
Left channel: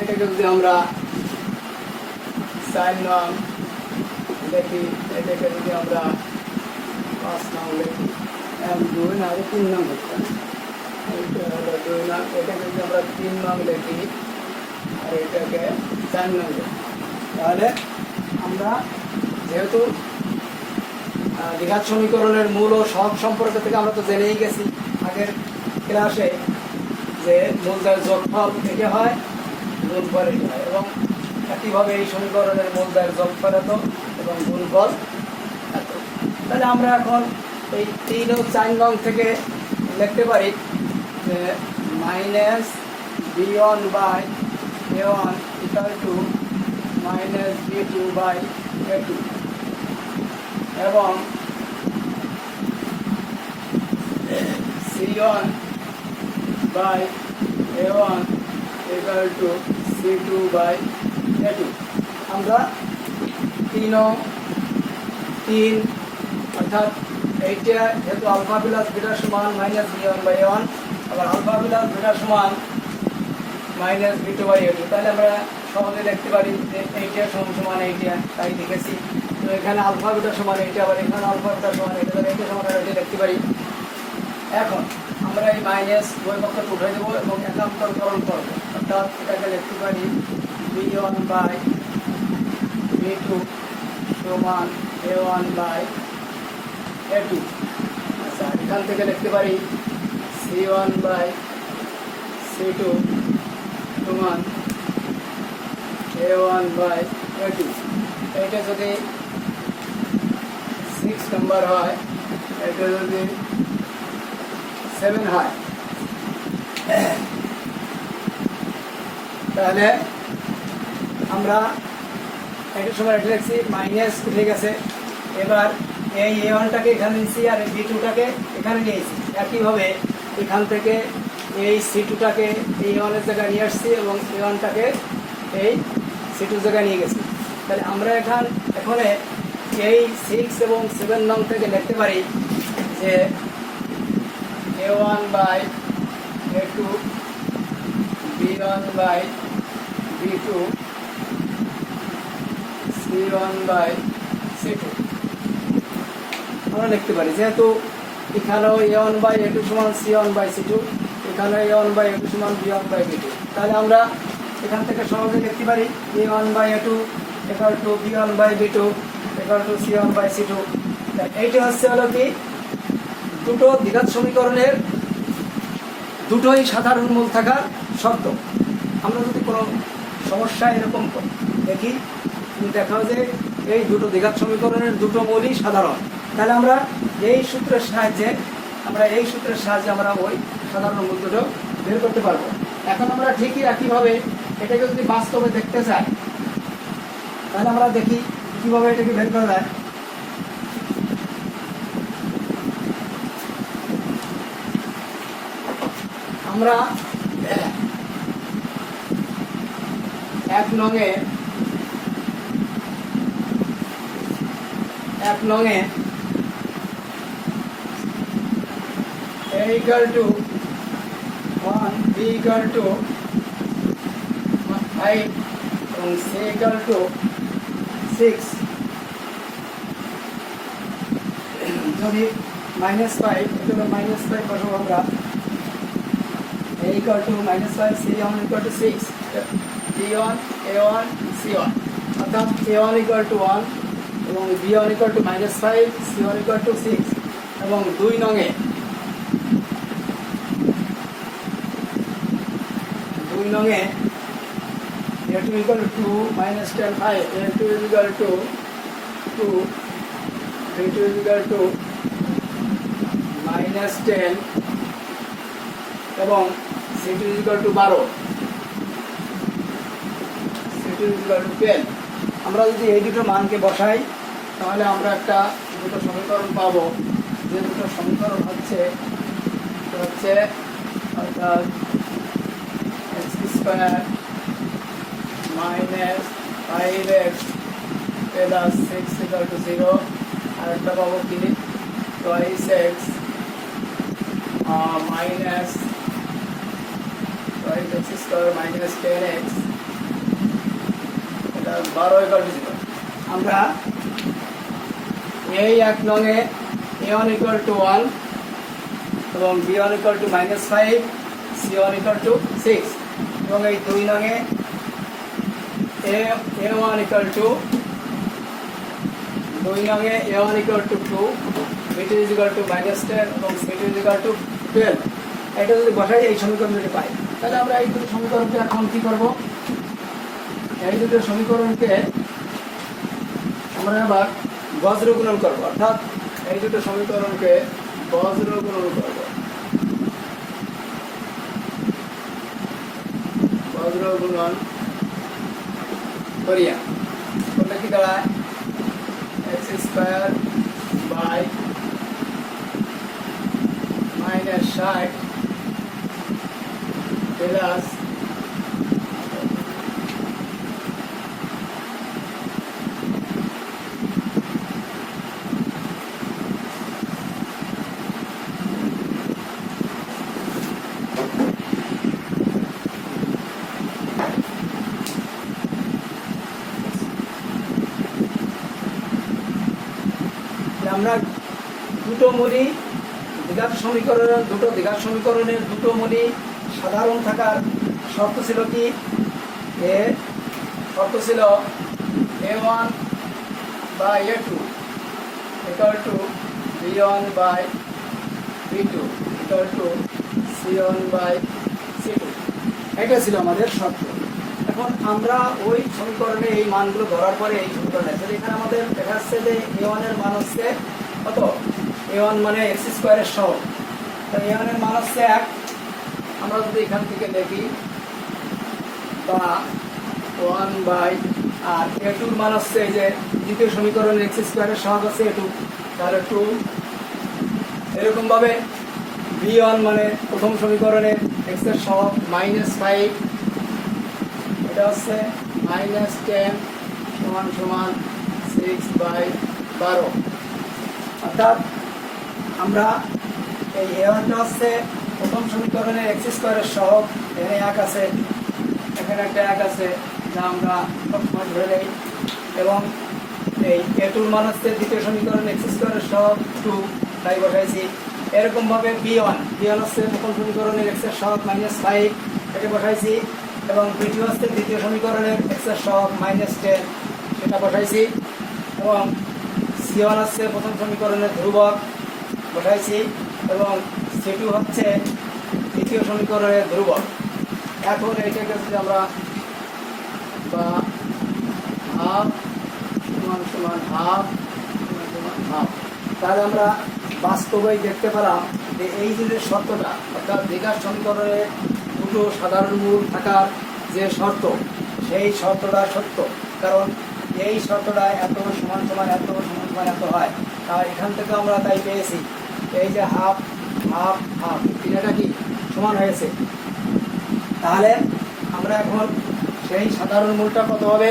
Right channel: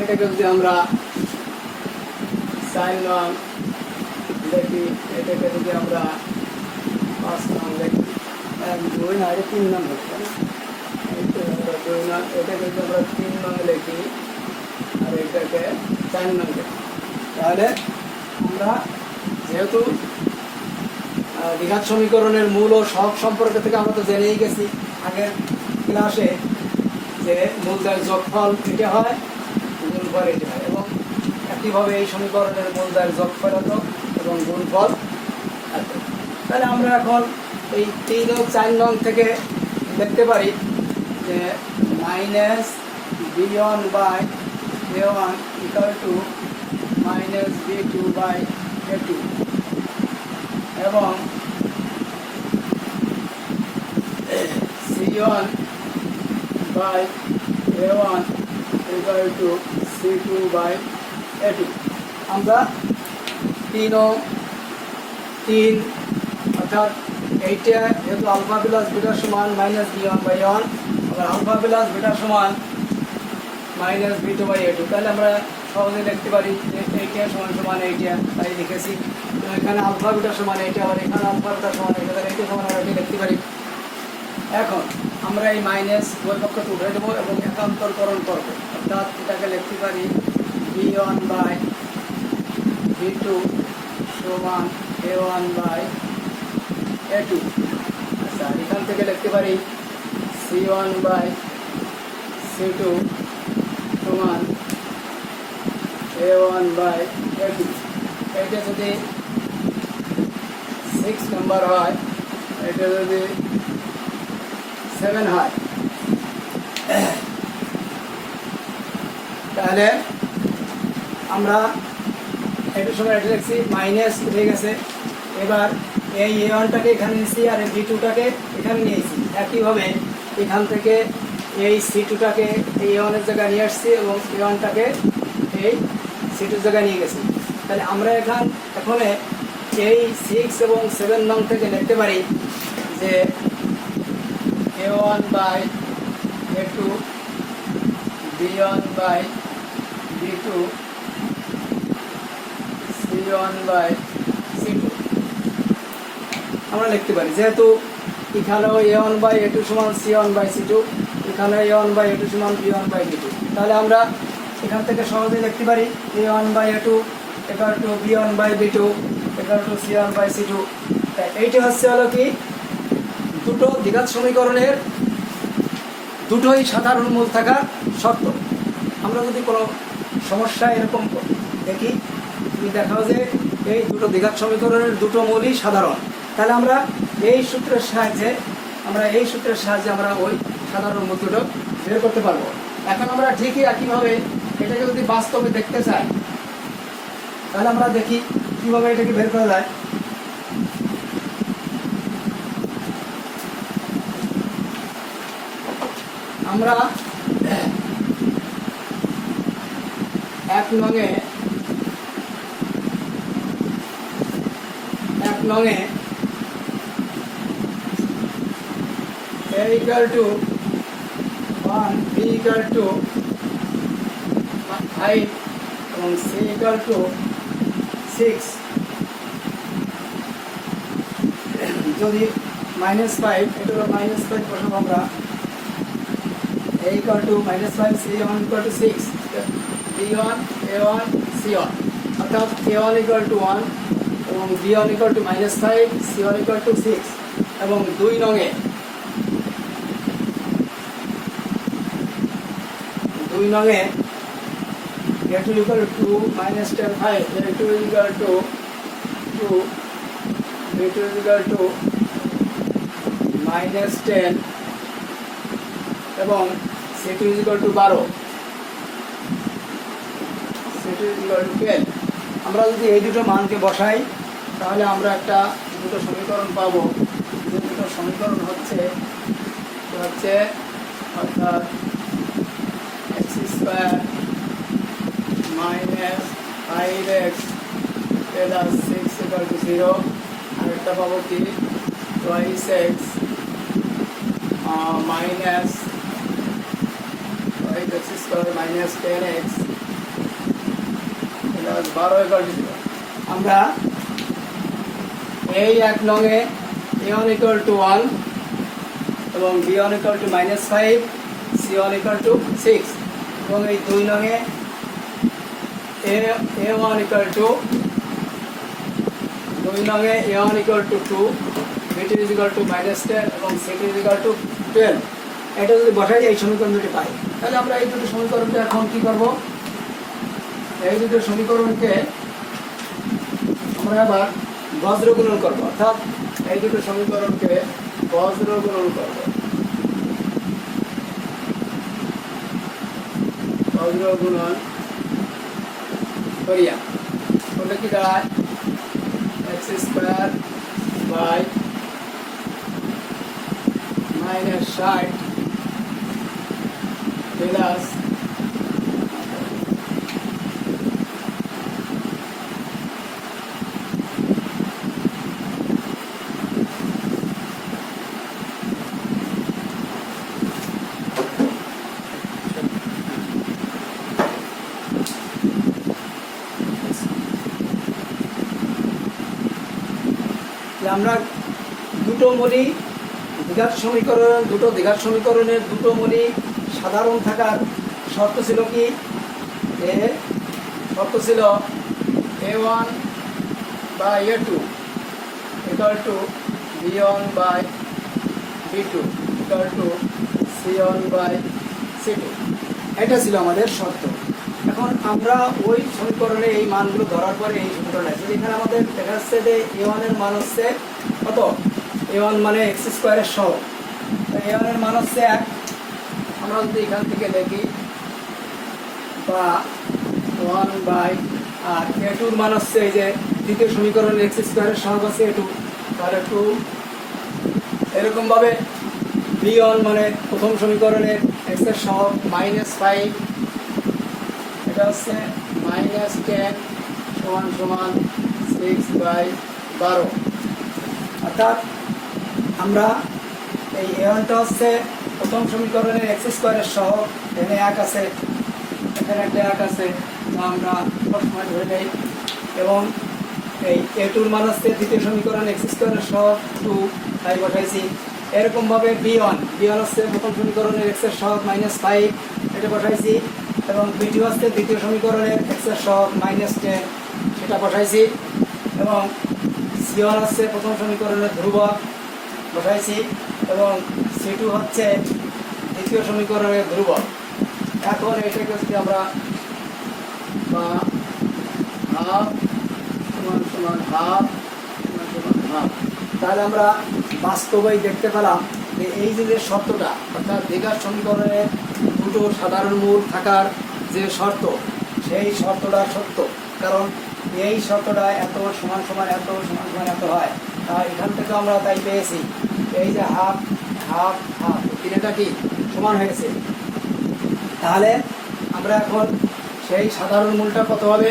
এটাকে যদি আমরা 4 নং দেখি, এটাকে যদি আমরা 5 নং দেখি, 1 2 আর 3 নং হচ্ছে, 2 নং, এটাকে যদি আমরা 3 নং লিখি আর এটাকে 4 নং লিখি, তাহলে আমরা যেহেতু দ্বিঘাত সমীকরণের মূল ও সহগ সম্পর্ক থেকে আমরা তো জেনেই গেছি আগের ক্লাসে যে মূলদ্বয়ের যোগফল এটা হয়, গুণফল এটা হয়, এবং একইভাবে এই সমীকরণের মূলদ্বয়ের যোগফল এত এবং গুণফল এত। তাহলে আমরা এখন এই 3 ও 4 নং থেকে লিখতে পারি যে -b1/a1 = -b2/a2, এবং c1/a1 = c2/a2। আমরা 3 অর্থাৎ এইটা যেহেতু আলফা প্লাস বিটা সমান -b1/a1, আবার আলফা প্লাস বিটা সমান -b2/a2, তাহলে আমরা সহজে লিখতে পারি এইটা সমান সমান এইটা, তাই লিখেছি। তো এখানে আলফা বিটা সমান এইটা, আবার এখানে আলফা বিটা সমান এইটা, তাহলে এইটা সমান এইটা লিখতে পারি। এখন আমরা এই মাইনাস উভয় পক্ষকে উঠে দেবো এবং একান্তরকরণ করবো, অর্থাৎ এটাকে লিখতে পারি b1/b2 সমান a1/a2। আচ্ছা, এখান থেকে লিখতে পারি c1/c2 সমান a1/a2। এইটা যদি 6 নম্বর হয়, এটা যদি 7 হয়, তাহলে আমরা এটা সময় এটা লিখছি, মাইনাস উঠে গেছে। এবার এই a1টাকে এখানে নিয়েছি আর এই b2টাকে এখানে নিয়েছি। একইভাবে এখান থেকে এই c2টাকে এই a1-এর জায়গায় নিয়ে আসছি এবং a1টাকে এই c2-র জায়গায় নিয়ে গেছি। তাহলে আমরা এখন এই 6 এবং 7 নং থেকে লিখতে পারি যে a1/a2 b1/b2 c1/c2 আমরা লিখতে পারি। যেহেতু এখানেও a1/a2 সমান c1/c2, এখানে a1/a2 সমান b1/b2, তাহলে আমরা এখান থেকে সহজে লিখতে পারি a1/a2 equal to b1/b2 equal to c1/c2। এইটি হলো কি দুটো দ্বিঘাত সমীকরণের দুটোই সাধারণ মূল থাকার শর্ত। আমরা যদি কোনো সমস্যা এরকম দেখি, দেখা যে এই দুটো দ্বিঘাত সমীকরণের দুটো মূলই সাধারণ, তাহলে আমরা এই সূত্রের সাহায্যে আমরা ওই সাধারণ মূল দুটো বের করতে পারবো। এখন আমরা ঠিকই একইভাবে এটাকে যদি বাস্তবে দেখতে চাই, তাহলে আমরা দেখি কিভাবে এটাকে বের করা যায়। আমরা 1 নংয়ে a equal to 1, b equal to 5 এবং c equal to 6 যদি -5, এটা হলো -5 বসাবো আমরা, a equal to -5, c1 equal to 6, b1 a1 c1, অর্থাৎ a1 equal to 1 এবং b1 equal to -5, c1 equal to 6 এবং 2 নংয়ে a2 equal to -10 5, a2 equal to 2, b2 equal to -10 এবং c2 equal to 12, c2 equal to 12। আমরা যদি এই দুটো মানকে বসাই, তাহলে আমরা দুটো সমীকরণ পাবো। যে দুটো সমীকরণ হচ্ছে অর্থাৎ x² - 5x plus 6 equal to 0, আর একটা পাবো কি 2x minus 5x² minus 10x plus 12 equal to 0। আমরা এই 1 নংয়ে a1 equal to 1 এবং b1 equal to -5, c1 equal to 6 এবং এই 2 নংয়ে a1 equal to 2 b2 is equal to -10 এবং c2 is equal to 12। এটা যদি বসাই এই সমীকরণ দুটি পাই, তাহলে আমরা এই দুটো সমীকরণকে এখন কি করব, এই দুটো সমীকরণকে আমরা আবার বজ্র গুণন করবো, অর্থাৎ এই দুটো সমীকরণকে বজ্র গুণন করব। বজ্র গুণন করিয়া করলে কি দাঁড়ায়, x² বাই -60 প্লাস আমরা দুটো মূলই দ্বিঘাত সমীকরণের দুটো মূলই সাধারণ থাকার শর্ত ছিল কি? শর্ত ছিল a1 by a2 equal to b1 by b2 equal to c1 by c2। এটা ছিল আমাদের শর্ত। এখন আমরা ওই সমীকরণে এই মানগুলো ধরার পরে এই সমীকরণে আছে, এখানে আমাদের দেখা যাচ্ছে যে a1 এর মান হচ্ছে কত? a1 মানে x স্কোয়ারের সহগ, a1 এর মান হচ্ছে 1। আমরা যদি এখান থেকে দেখি বা 1 বাই আর a2 এর মান হচ্ছে এই যে দ্বিতীয় সমীকরণের x স্কোয়ারের সহগ আছে a2, তাহলে 2। এরকম ভাবে b1 মানে প্রথম সমীকরণের x এর সহগ -5, এটা হচ্ছে -10 সমান সমান 6/12। অর্থাৎ আমরা এই a1টা হচ্ছে প্রথম সমীকরণের x স্কোয়ারের সহগ, এখানে 1 আছে, এখানে একটা 1 আছে, যা আমরা সবসময় ধরে নেই। এবং এই a2 এর মান হচ্ছে দ্বিতীয় সমীকরণের x স্কোয়ারের সহগ 2, তাই বসাইছি। এরকমভাবে b1 হচ্ছে প্রথম সমীকরণের x এর সহগ -5, এটা বসাইছি। এবং b2 হচ্ছে দ্বিতীয় সমীকরণের x এর সহগ -10, সেটা বসাইছি। এবং c1 হচ্ছে প্রথম সমীকরণের ধ্রুবক, বসাইছি। এবং c2 হচ্ছে দ্বিতীয় সমীকরণের ধ্রুবক। এখন এটাকে যদি আমরা বা হাফ সমান সমান হাফ সমান সমান হাফ, তাহলে আমরা বাস্তবেই দেখতে পেলাম যে এই যে শর্তটা, অর্থাৎ দ্বিঘাত সমীকরণে দুটো সাধারণ মূল থাকার যে শর্ত, সেই শর্তটা সত্য। কারণ এই শর্তটা এত সমান সমান এত সমান সমান এত হয়, আর এখান থেকে আমরা তাই পেয়েছি এই যে হাফ হাফ হাফ তিনটা কি সমান হয়েছে। তাহলে আমরা এখন সেই সাধারণ মূলটা কত হবে?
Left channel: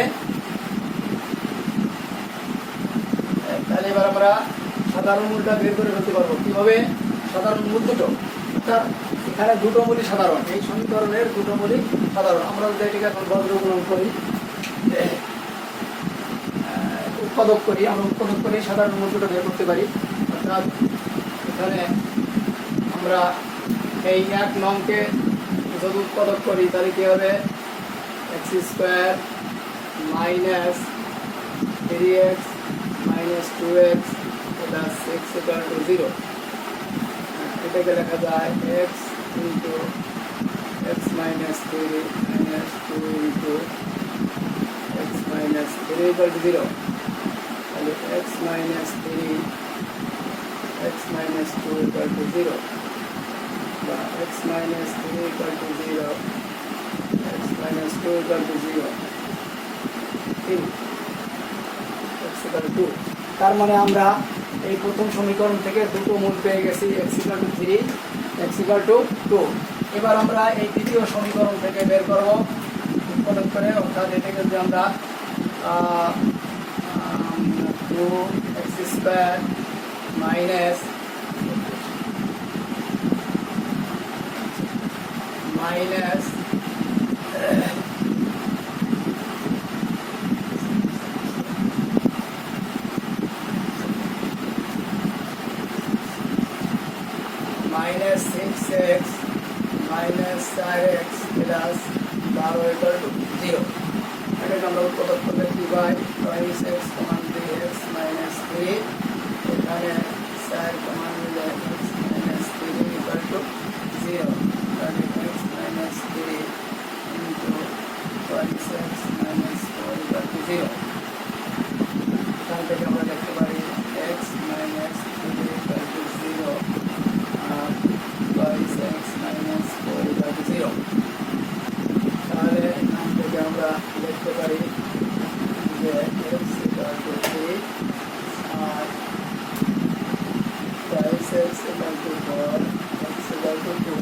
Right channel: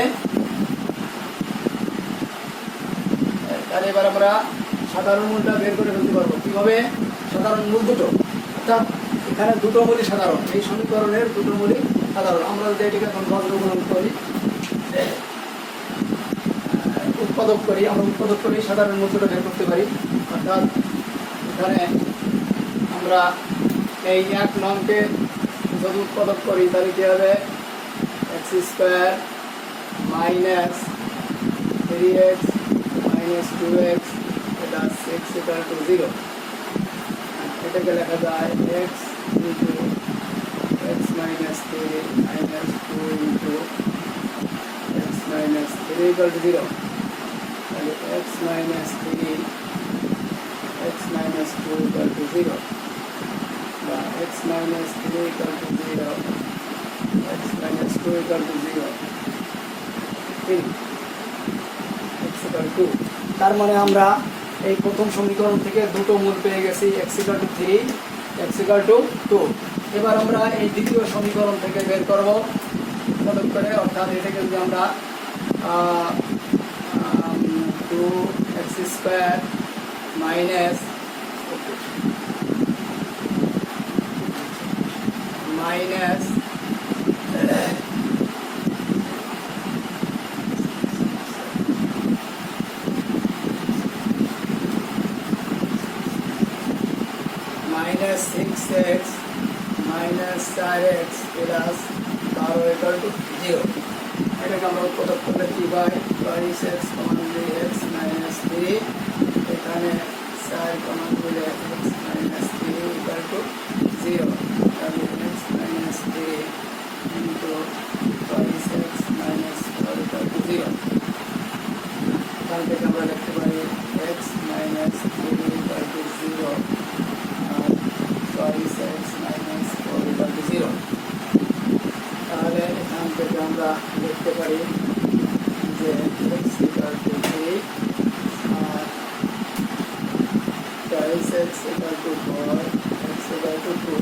তাহলে এবার আমরা সাধারণ মূলটা বের করে ফেলতে পারবো কিভাবে? সাধারণ মূল দুটো, অর্থাৎ এখানে দুটো মূলই সাধারণ, এই সমীকরণের দুটো মূলই সাধারণ। আমরা যদি এটাকে এখন বজ্রগ্রহণ করি, উৎপাদক করি, আমরা উৎপাদক করে সাধারণ মূল দুটো বের করতে পারি। অর্থাৎ এখানে আমরা এই 1 নংকে যদি উৎপাদক করি তাহলে কি হবে? x square minus 3x minus 2x এটা 6 ইকুয়াল টু 0। এটাকে লেখা যায় x into x minus 3 minus 2 into x minus 3 equal to 0। তাহলে x minus 3 x minus 2 equal to 0 বা x minus 3 equal to 0 x minus 2 equal to 0 x equal to 2। তার মানে আমরা এই প্রথম সমীকরণ থেকে দুটো মূল পেয়ে গেছি, x equal to 3 x equal to 2। এবার আমরা এই দ্বিতীয় সমীকরণ থেকে বের করব উৎপাদক করে, অর্থাৎ এটাকে যদি আমরা 2x square minus minus -6x minus 4x plus 12 equal to 0। এটাকে আমরা উৎপাদক করলে কি হয়? 5x সমান 2x মাইনাস 3, এখানে 4 সমান 2x মাইনাস 3 ইকুয়াল টু 0। তাহলে x minus 3 into 5x minus 4 equal to 0। এখান থেকে আমরা লিখতে পারি x মাইনাস 3 ইকুয়াল টু 0 আর 5x মাইনাস 4 ইকুয়াল টু 0। তাহলে এখান থেকে আমরা লিখতে পারি যে x ইকুয়াল টু 3 আর 5x equal to 4 x equal to 2।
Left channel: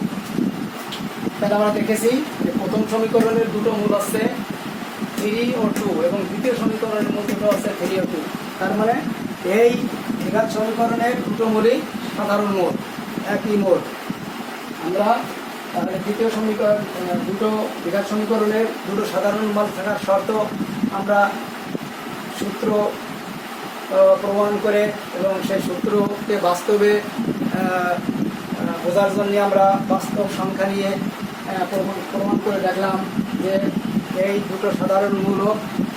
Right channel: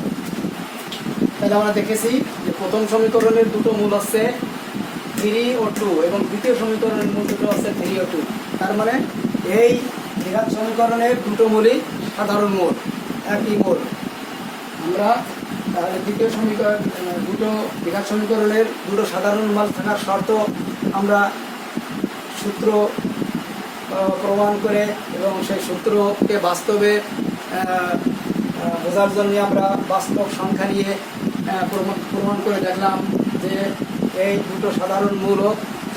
তাহলে আমরা দেখেছি যে প্রথম সমীকরণের দুটো মূল আছে 3 ও 2 এবং দ্বিতীয় সমীকরণের মূল দুটো আছে 3 ও 2। তার মানে এই দ্বিঘাত সমীকরণের দুটো মূলই সাধারণ মূল, একই মূল। আমরা তাহলে দ্বিতীয় সমীকরণ দুটো দ্বিঘাত সমীকরণের দুটো সাধারণ মূল থাকার শর্ত আমরা সূত্র প্রমাণ করে এবং সেই সূত্রকে বাস্তবে বোঝার জন্য আমরা বাস্তব সংখ্যা নিয়ে প্রমাণ করে দেখলাম যে এই দুটো সাধারণ মূল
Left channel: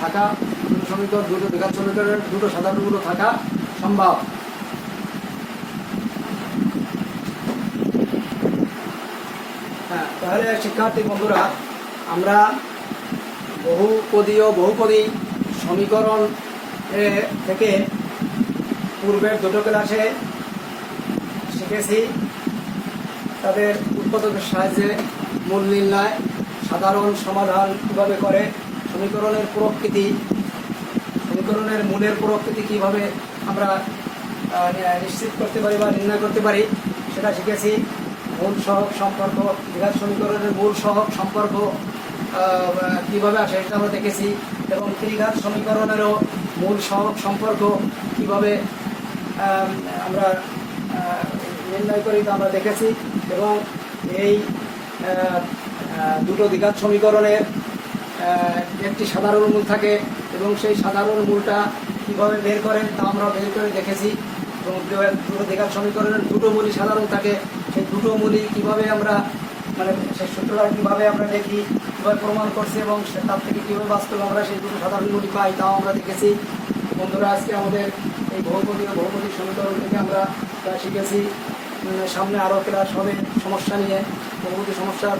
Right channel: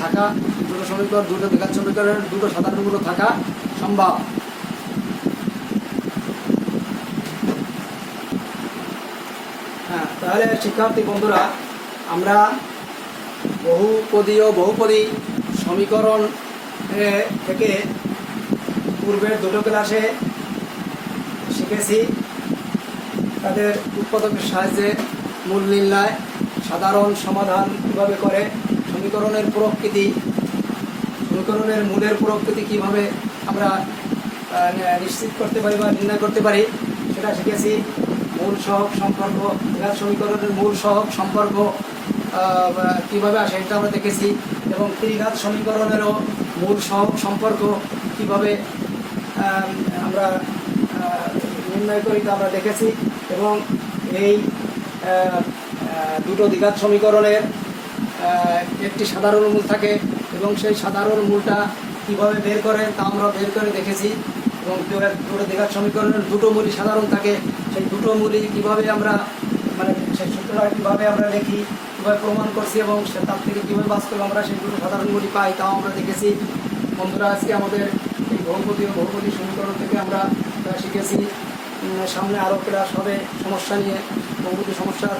থাকা, দুটো সমীকরণ, দুটো দ্বিঘাত সমীকরণের দুটো সাধারণ মূল থাকা সম্ভব। হ্যাঁ, তাহলে শিক্ষার্থী বন্ধুরা, আমরা বহুপদী সমীকরণ থেকে পূর্বের দুটো ক্লাসে শিখেছি তাদের উৎপাদকের সাহায্যে মূল নির্ণয়, সাধারণ সমাধান কীভাবে করে, সমীকরণের প্রকৃতি, সমীকরণের মূলের প্রকৃতি কীভাবে আমরা নিশ্চিত করতে পারি বা নির্ণয় করতে পারি সেটা শিখেছি। মূল সহগ সম্পর্ক, দ্বিঘাত সমীকরণের মূল সহগ সম্পর্ক কীভাবে আসে সেটা আমরা দেখেছি, এবং ত্রিঘাত সমীকরণেরও মূল সহগ সম্পর্ক কীভাবে আমরা নির্ণয় করি তা আমরা দেখেছি। এবং এই দুটো দ্বিঘাত সমীকরণের একটি সাধারণ মূল থাকে এবং সেই সাধারণ মূলটা কীভাবে বের করেন তা আমরা বের করে দেখেছি। এবং দুটো দ্বিঘাত সমীকরণের দুটো মূলই সাধারণ থাকে, সেই দুটো মূলই কীভাবে আমরা সেই সূত্রটা কীভাবে আমরা দেখি, কীভাবে প্রমাণ করছি এবং তার থেকে কীভাবে বাস্তবে আমরা সেই দুটো সাধারণ মূলই পাই তাও আমরা দেখেছি। বন্ধুরা, আজকে আমাদের এই বহুপদী সমীকরণ থেকে আমরা শিখেছি। সামনে আরও ক্লাস হবে সমস্যা নিয়ে, বহুপদী সমস্যার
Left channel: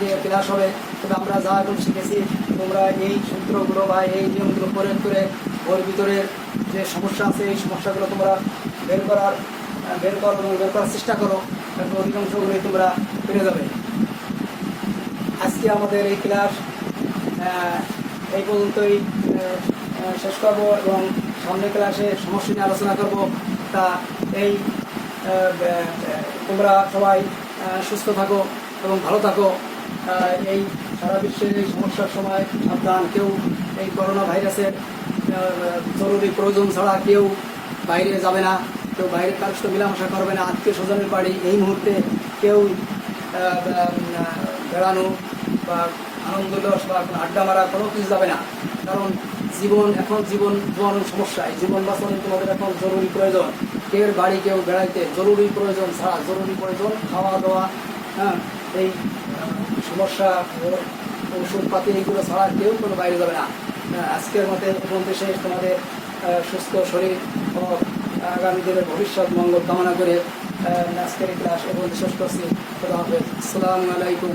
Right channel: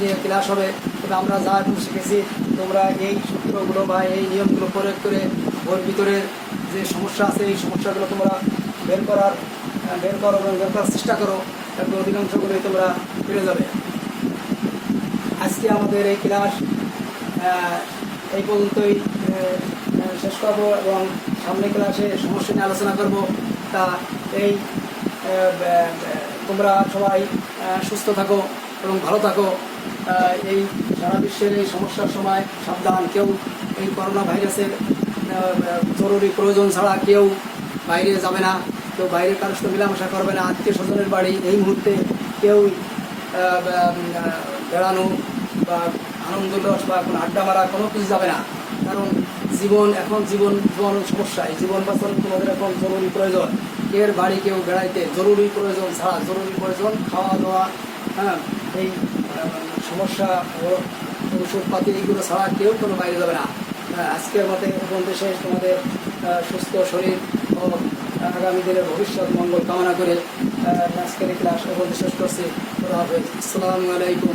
নিয়ে ক্লাস হবে। তবে আমরা যা এখন শিখেছি তোমরা এই সূত্রগুলো বা এই নিয়মগুলো প্রয়োগ করে বইয়ের ভিতরে যে সমস্যা আছে এই সমস্যাগুলো তোমরা বের করো এবং বের করার চেষ্টা করো, তারপর অধিকাংশগুলোই তোমরা পেরে যাবে। আজকে আমাদের এই ক্লাস এই পর্যন্তই শেষ করব এবং সামনে ক্লাসে সমস্যা নিয়ে আলোচনা করব। তা এই তোমরা সবাই সুস্থ থাকো এবং ভালো থাকো। এই সারা বিশ্বের এই সমস্যার সময় সাবধান, কেউ এই করোনা ভাইরাসের জরুরি প্রয়োজন ছাড়া কেউ বাইরে যাবে না, কেউ বাইরের কারোর সাথে মেলামেশা করবে না, আত্মীয় স্বজনের বাড়ি এই মুহূর্তে কেউ বেড়ানো বা আনন্দ উল্লাস বা এখন আড্ডা মারা কোনো কিছু যাবে না। কারণ জীবন সমস্যায় জীবন বাঁচানো তোমাদের এখন জরুরি প্রয়োজন। কেউ বাড়ি কেউ বেড়াইতে জরুরি প্রয়োজন ছাড়া, জরুরি প্রয়োজন খাওয়া দাওয়া, হ্যাঁ, এই সমস্যা ওষুধপাতি এইগুলো ছাড়া কেউ কোনো বাইরে যাবে না। আজকের মতে পর্যন্ত শেষ। তোমাদের সুস্থ শরীর ও আগামী দিনের ভবিষ্যৎ মঙ্গল কামনা করে আজকের ক্লাস পর্যন্ত শেষ করছি। খোদা হাফেজ। আসসালামু আলাইকুম।